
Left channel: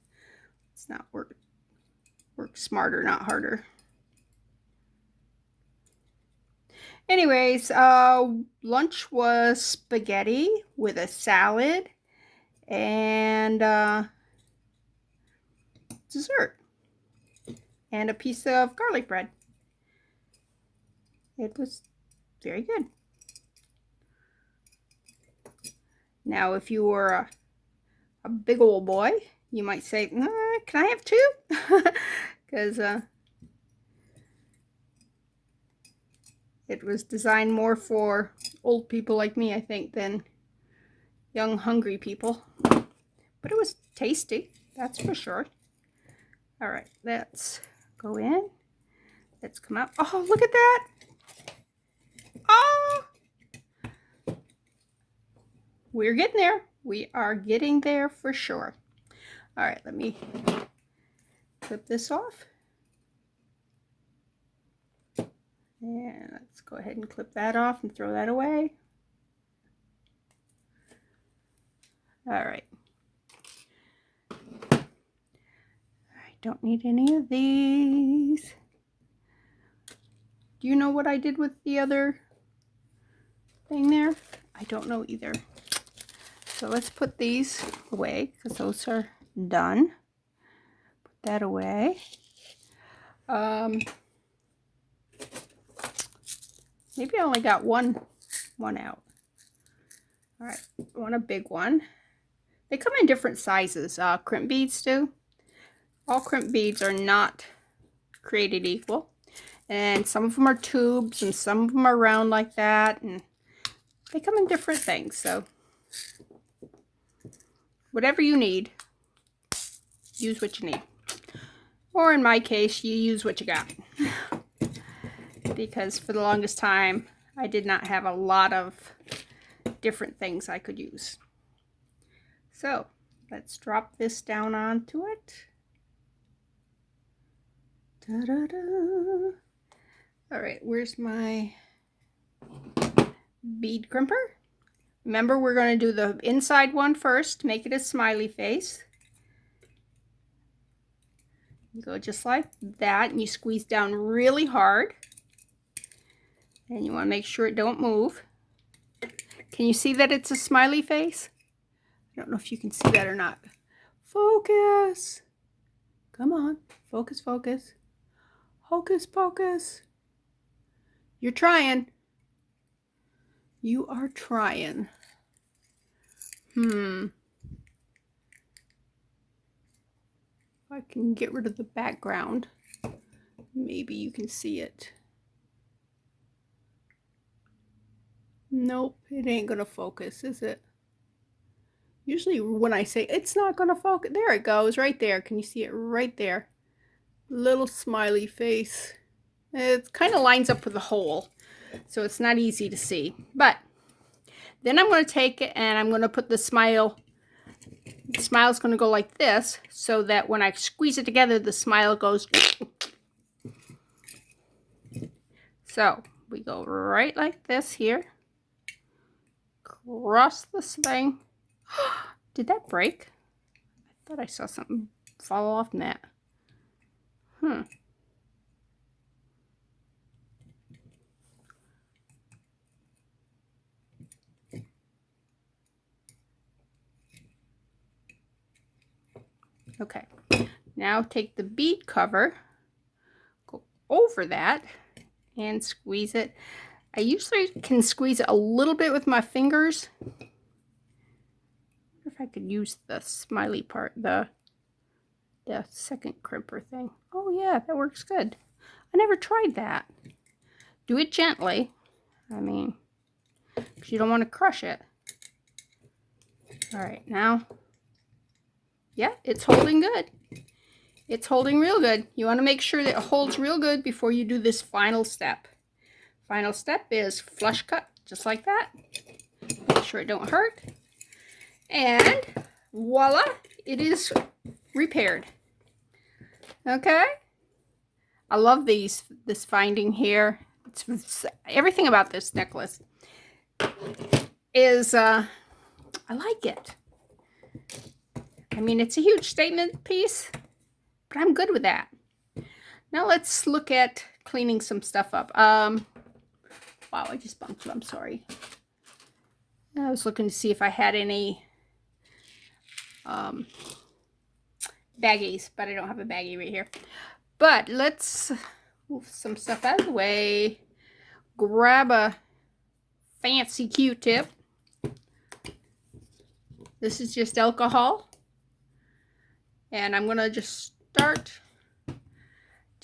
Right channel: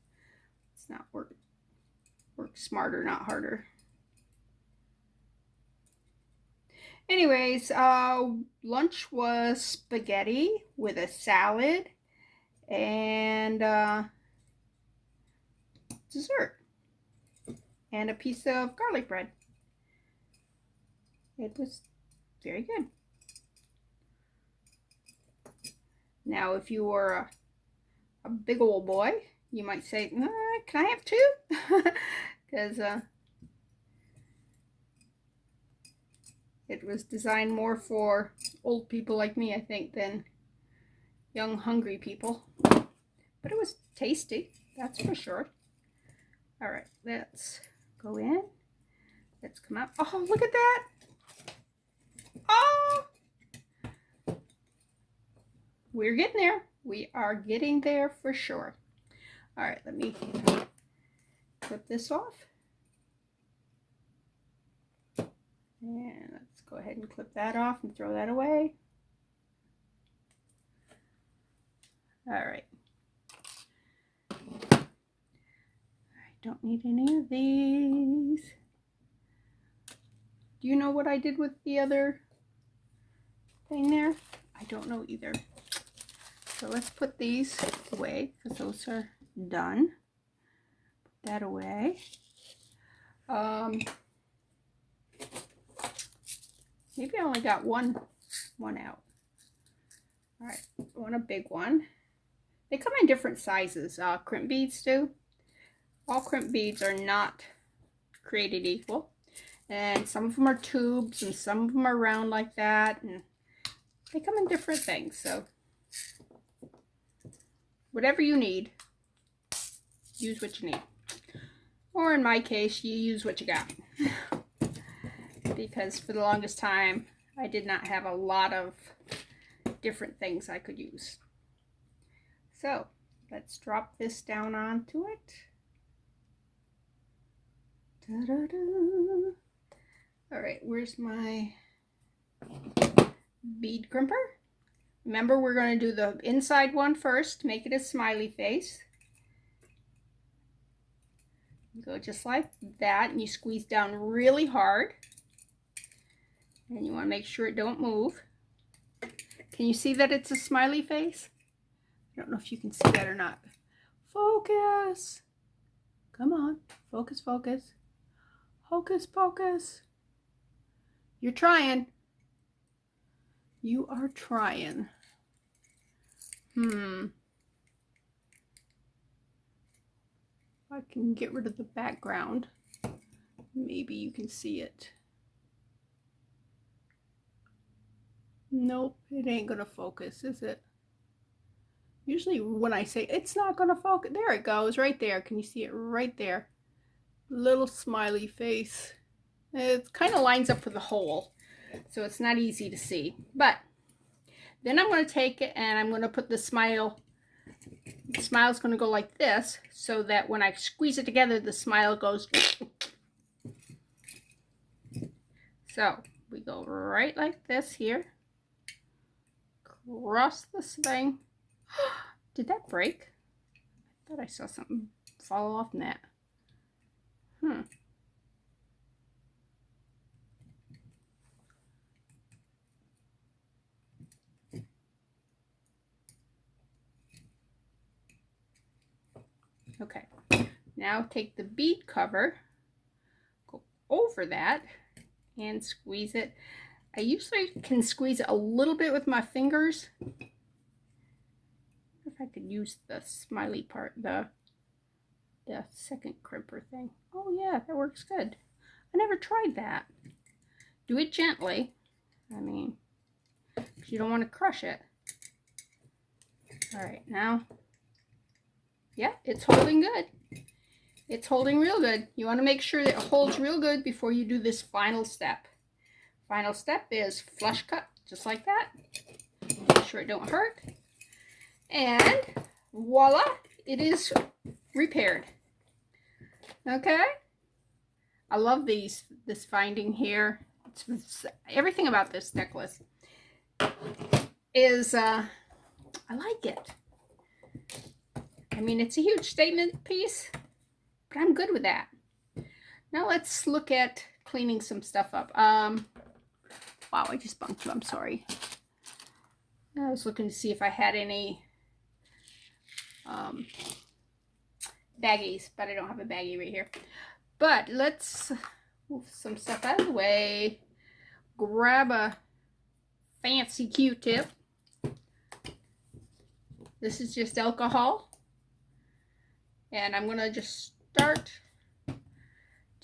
It's not work smarter, not harder. Anyways, lunch was spaghetti with a salad and dessert and a piece of garlic bread. It was very good. Now, if you were a big old boy, you might say, can I have two? Because it was designed more for old people like me, I think, than young, hungry people. But it was tasty, that's for sure. All right, let's go in. Let's come out. Oh, look at that. Oh! We're getting there. We are getting there for sure. All right, let me clip this off. And let's go ahead and clip that off and throw that away. All right. I don't need any of these. Do you know what I did with the other thing there? I don't know either. So let's put these away because those are done. Put that away. Maybe I only got one out. All right, I want a big one. They come in different sizes. Crimp beads do. All crimp beads are not created equal. And some of them are tubes and some of them are round like that. And they come in different things. So whatever you need, use what you need. Or in my case, you use what you got. Because for the longest time, I did not have a lot of different things I could use. So let's drop this down onto it. Ta-da-da. All right, where's my bead crimper? Remember, we're going to do the inside one first, make it a smiley face. You go just like that, and you squeeze down really hard. And you want to make sure it don't move. Can you see that it's a smiley face? I don't know if you can see that or not. Focus. Come on. Focus, focus. Hocus pocus. You're trying. You are trying. If I can get rid of the background, maybe you can see it. Nope, it ain't gonna focus, is it? Usually when I say it's not gonna focus, there it goes, right there. Can you see it right there? Little smiley face. It kind of lines up with the hole, so it's not easy to see. But then I'm going to take it and I'm going to put the smile. The smile's going to go like this, so that when I squeeze it together, the smile goes. So we go right like this here. Cross this thing. Did that break? I thought I saw something fall off in that. Okay, now take the bead cover, go over that, and squeeze it. I usually can squeeze it a little bit with my fingers. If I could use the smiley part, the second crimper thing. Oh yeah, that works good. I never tried that. Do it gently. I mean, because you don't want to crush it. All right, now. Yeah, it's holding good. It's holding real good. You want to make sure that it holds real good before you do this final step. Final step is flush cut, just like that. Make sure it don't hurt. And voila, it is repaired. Okay? I love this finding here. It's everything about this necklace is, I like it. I mean, it's a huge statement piece, but I'm good with that. Now let's look at cleaning some stuff up. Wow, I just bumped you. I'm sorry. I was looking to see if I had any baggies, but I don't have a baggie right here. But let's move some stuff out of the way. Grab a fancy Q-tip. This is just alcohol. And I'm gonna just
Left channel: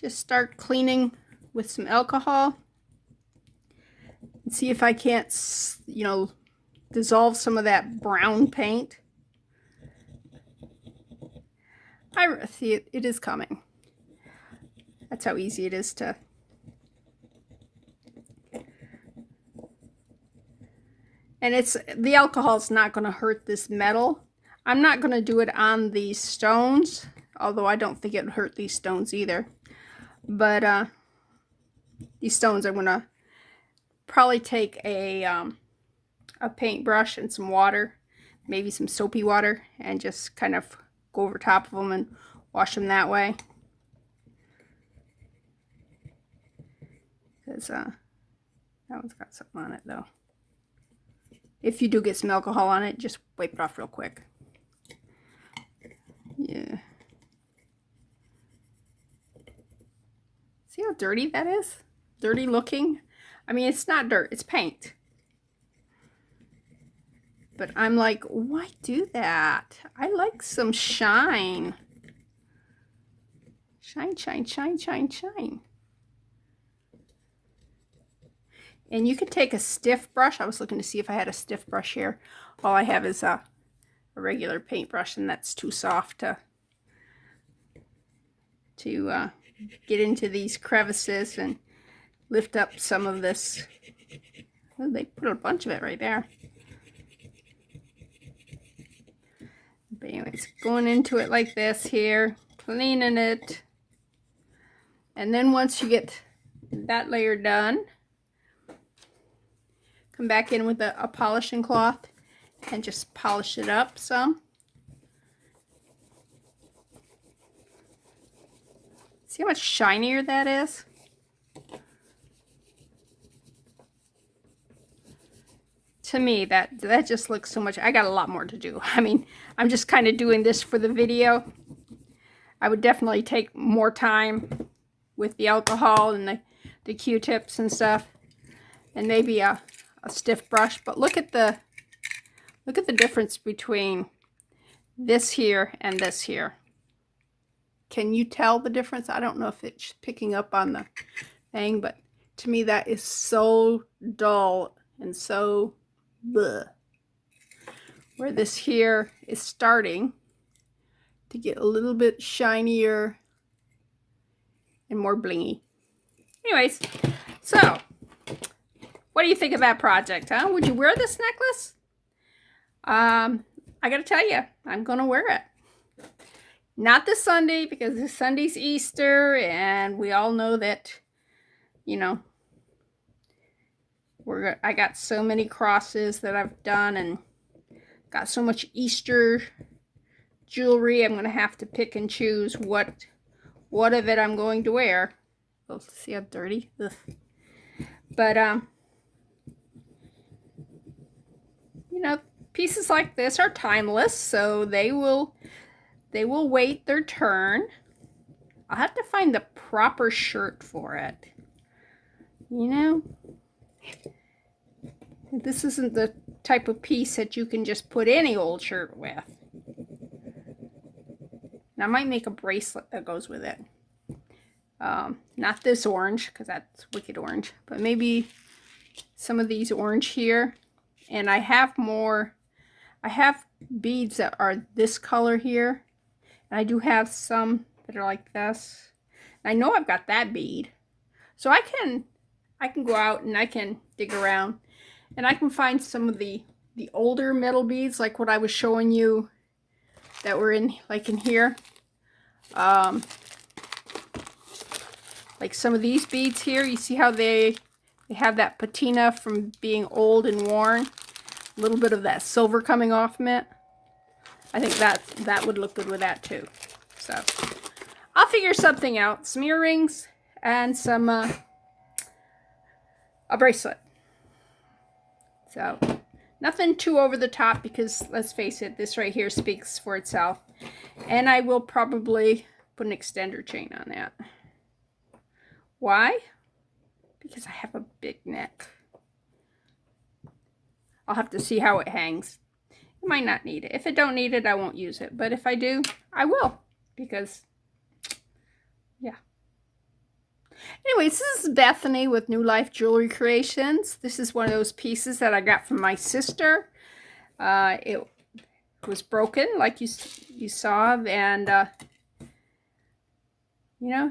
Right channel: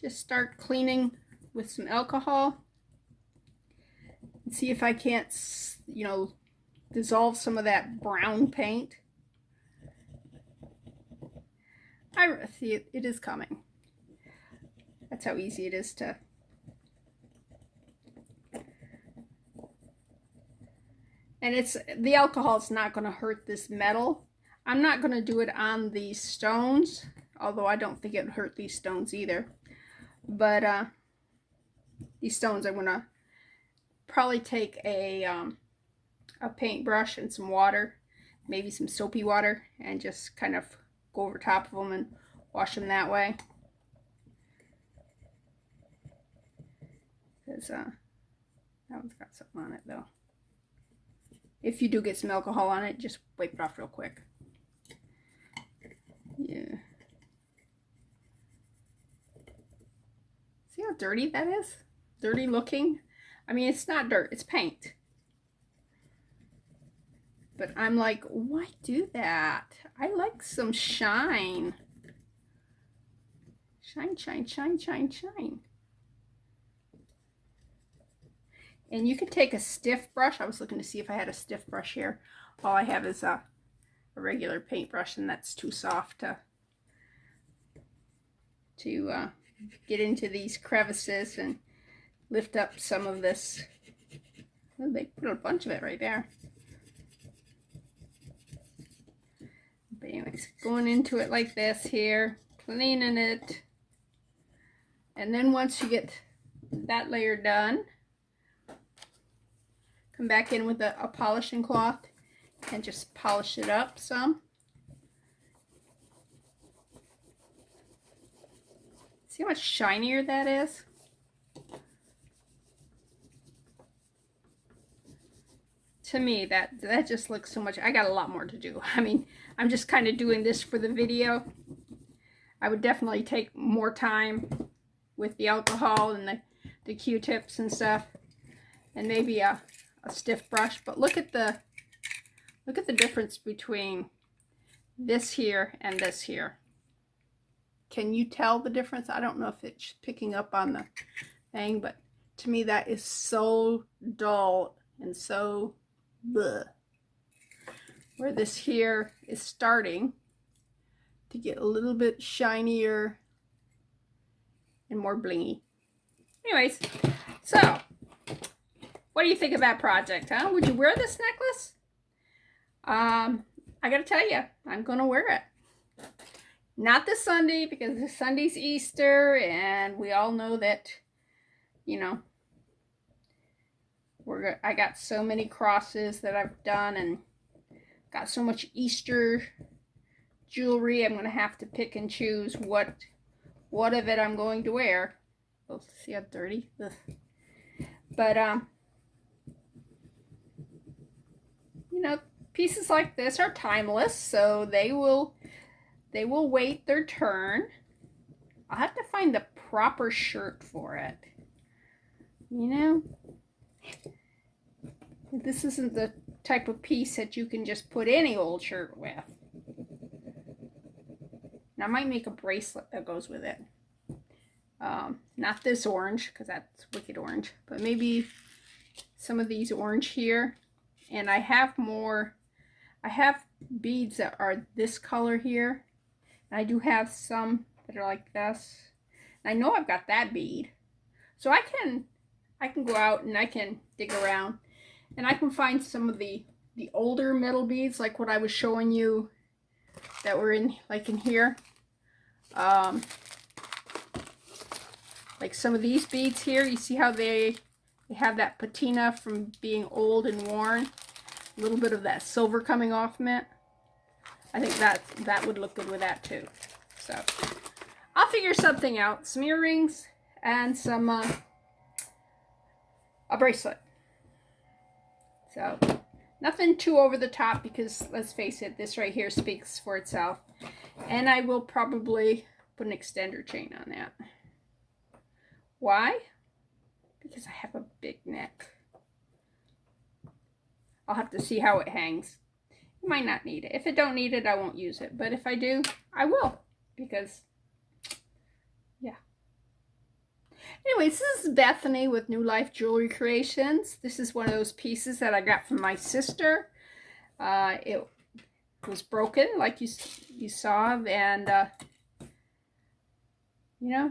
start cleaning with some alcohol and see if I can't, you know, dissolve some of that brown paint. I see it, it is coming. That's how easy it is to. And the alcohol's not going to hurt this metal. I'm not going to do it on these stones, although I don't think it would hurt these stones either. But these stones, I'm going to probably take a paintbrush and some water, maybe some soapy water, and just kind of go over top of them and wash them that way. Because that one's got something on it though. If you do get some alcohol on it, just wipe it off real quick. Yeah. See how dirty that is? Dirty looking? I mean, it's not dirt, it's paint. But I'm like, why do that? I like some shine. Shine, shine, shine, shine, shine. And you can take a stiff brush. I was looking to see if I had a stiff brush here. All I have is a regular paintbrush, and that's too soft to get into these crevices and lift up some of this. Oh, they put a bunch of it right there. But anyways, going into it like this here, cleaning it. And then once you get that layer done, come back in with a polishing cloth and just polish it up some. See how much shinier that is? To me, that just looks so much. I got a lot more to do. I mean, I'm just kind of doing this for the video. I would definitely take more time with the alcohol and the Q-tips and stuff, and maybe a stiff brush. But look at the difference between this here and this here. Can you tell the difference? I don't know if it's picking up on the thing, but to me that is so dull and so bleh. Where this here is starting to get a little bit shinier and more blingy. Anyways, so what do you think of that project, huh? Would you wear this necklace? I gotta tell you, I'm gonna wear it. Not this Sunday, because this Sunday's Easter, and we all know that, you know, I got so many crosses that I've done and got so much Easter jewelry. I'm gonna have to pick and choose what of it I'm going to wear. Oh, see how dirty? Ugh. But you know, pieces like this are timeless, so they will wait their turn. I'll have to find the proper shirt for it. You know, this isn't the type of piece that you can just put any old shirt with. And I might make a bracelet that goes with it. Not this orange, because that's wicked orange, but maybe some of these orange here. And I have beads that are this color here. And I do have some that are like this. And I know I've got that bead. So I can go out and I can dig around. And I can find some of the older metal beads, like what I was showing you that were in here. Like some of these beads here, you see how they have that patina from being old and worn. A little bit of that silver coming off from it. I think that would look good with that too. So I'll figure something out. Some earrings and some a bracelet. So nothing too over the top, because let's face it, this right here speaks for itself. And I will probably put an extender chain on that. Why? Because I have a big neck. I'll have to see how it hangs. I might not need it. If I don't need it, I won't use it. But if I do, I will. Because, yeah. Anyways, this is Bethany with New Life Jewelry Creations. This is one of those pieces that I got from my sister. It was broken, like you saw. And, you know,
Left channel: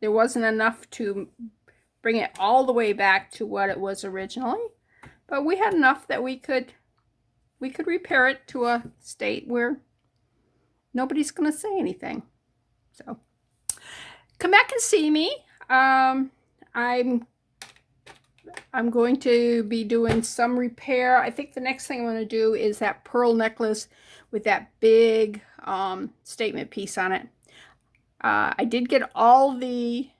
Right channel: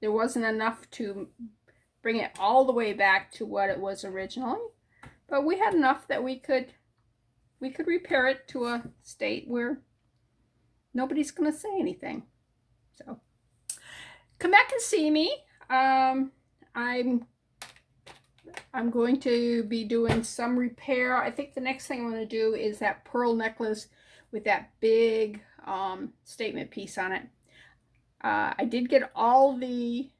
there wasn't enough to bring it all the way back to what it was originally. But we had enough that we could repair it to a state where nobody's going to say anything. So come back and see me. I'm going to be doing some repair. I think the next thing I'm going to do is that pearl necklace with that big statement piece on it. I did get all the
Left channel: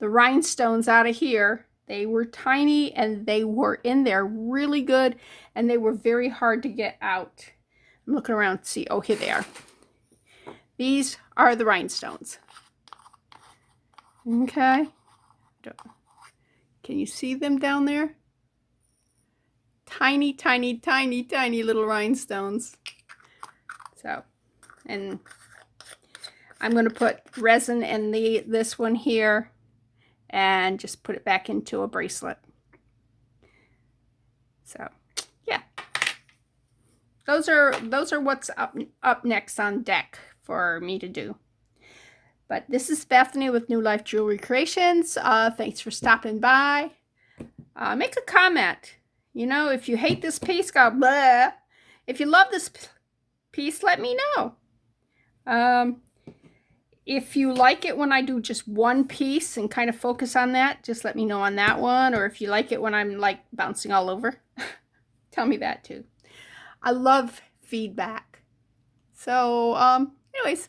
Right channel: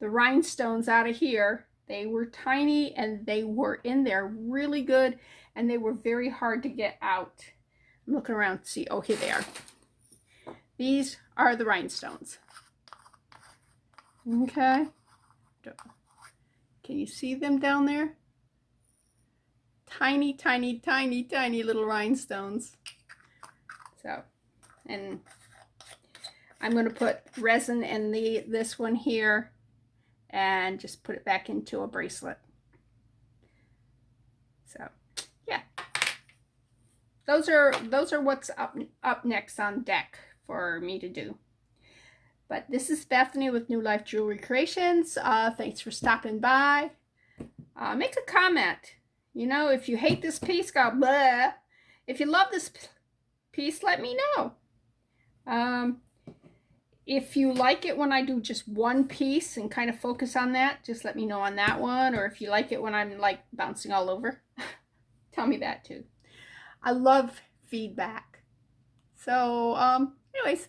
rhinestones out of here. They were tiny and they were in there really good, and they were very hard to get out. I'm looking around to see. Oh, here they are. These are the rhinestones. Okay. Can you see them down there? Tiny, tiny, tiny, tiny little rhinestones. So, and I'm going to put resin in this one here and just put it back into a bracelet. So yeah, those are what's up next on deck for me to do. But this is Bethany with New Life Jewelry Creations. Thanks for stopping by. Make a comment. You know, if you hate this piece, go blah. If you love this piece, let me know. If you like it when I do just one piece and kind of focus on that, just let me know on that one. Or if you like it when I'm like bouncing all over, tell me that too. I love feedback. So, anyways,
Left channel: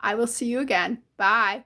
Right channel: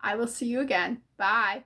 I will see you again. Bye.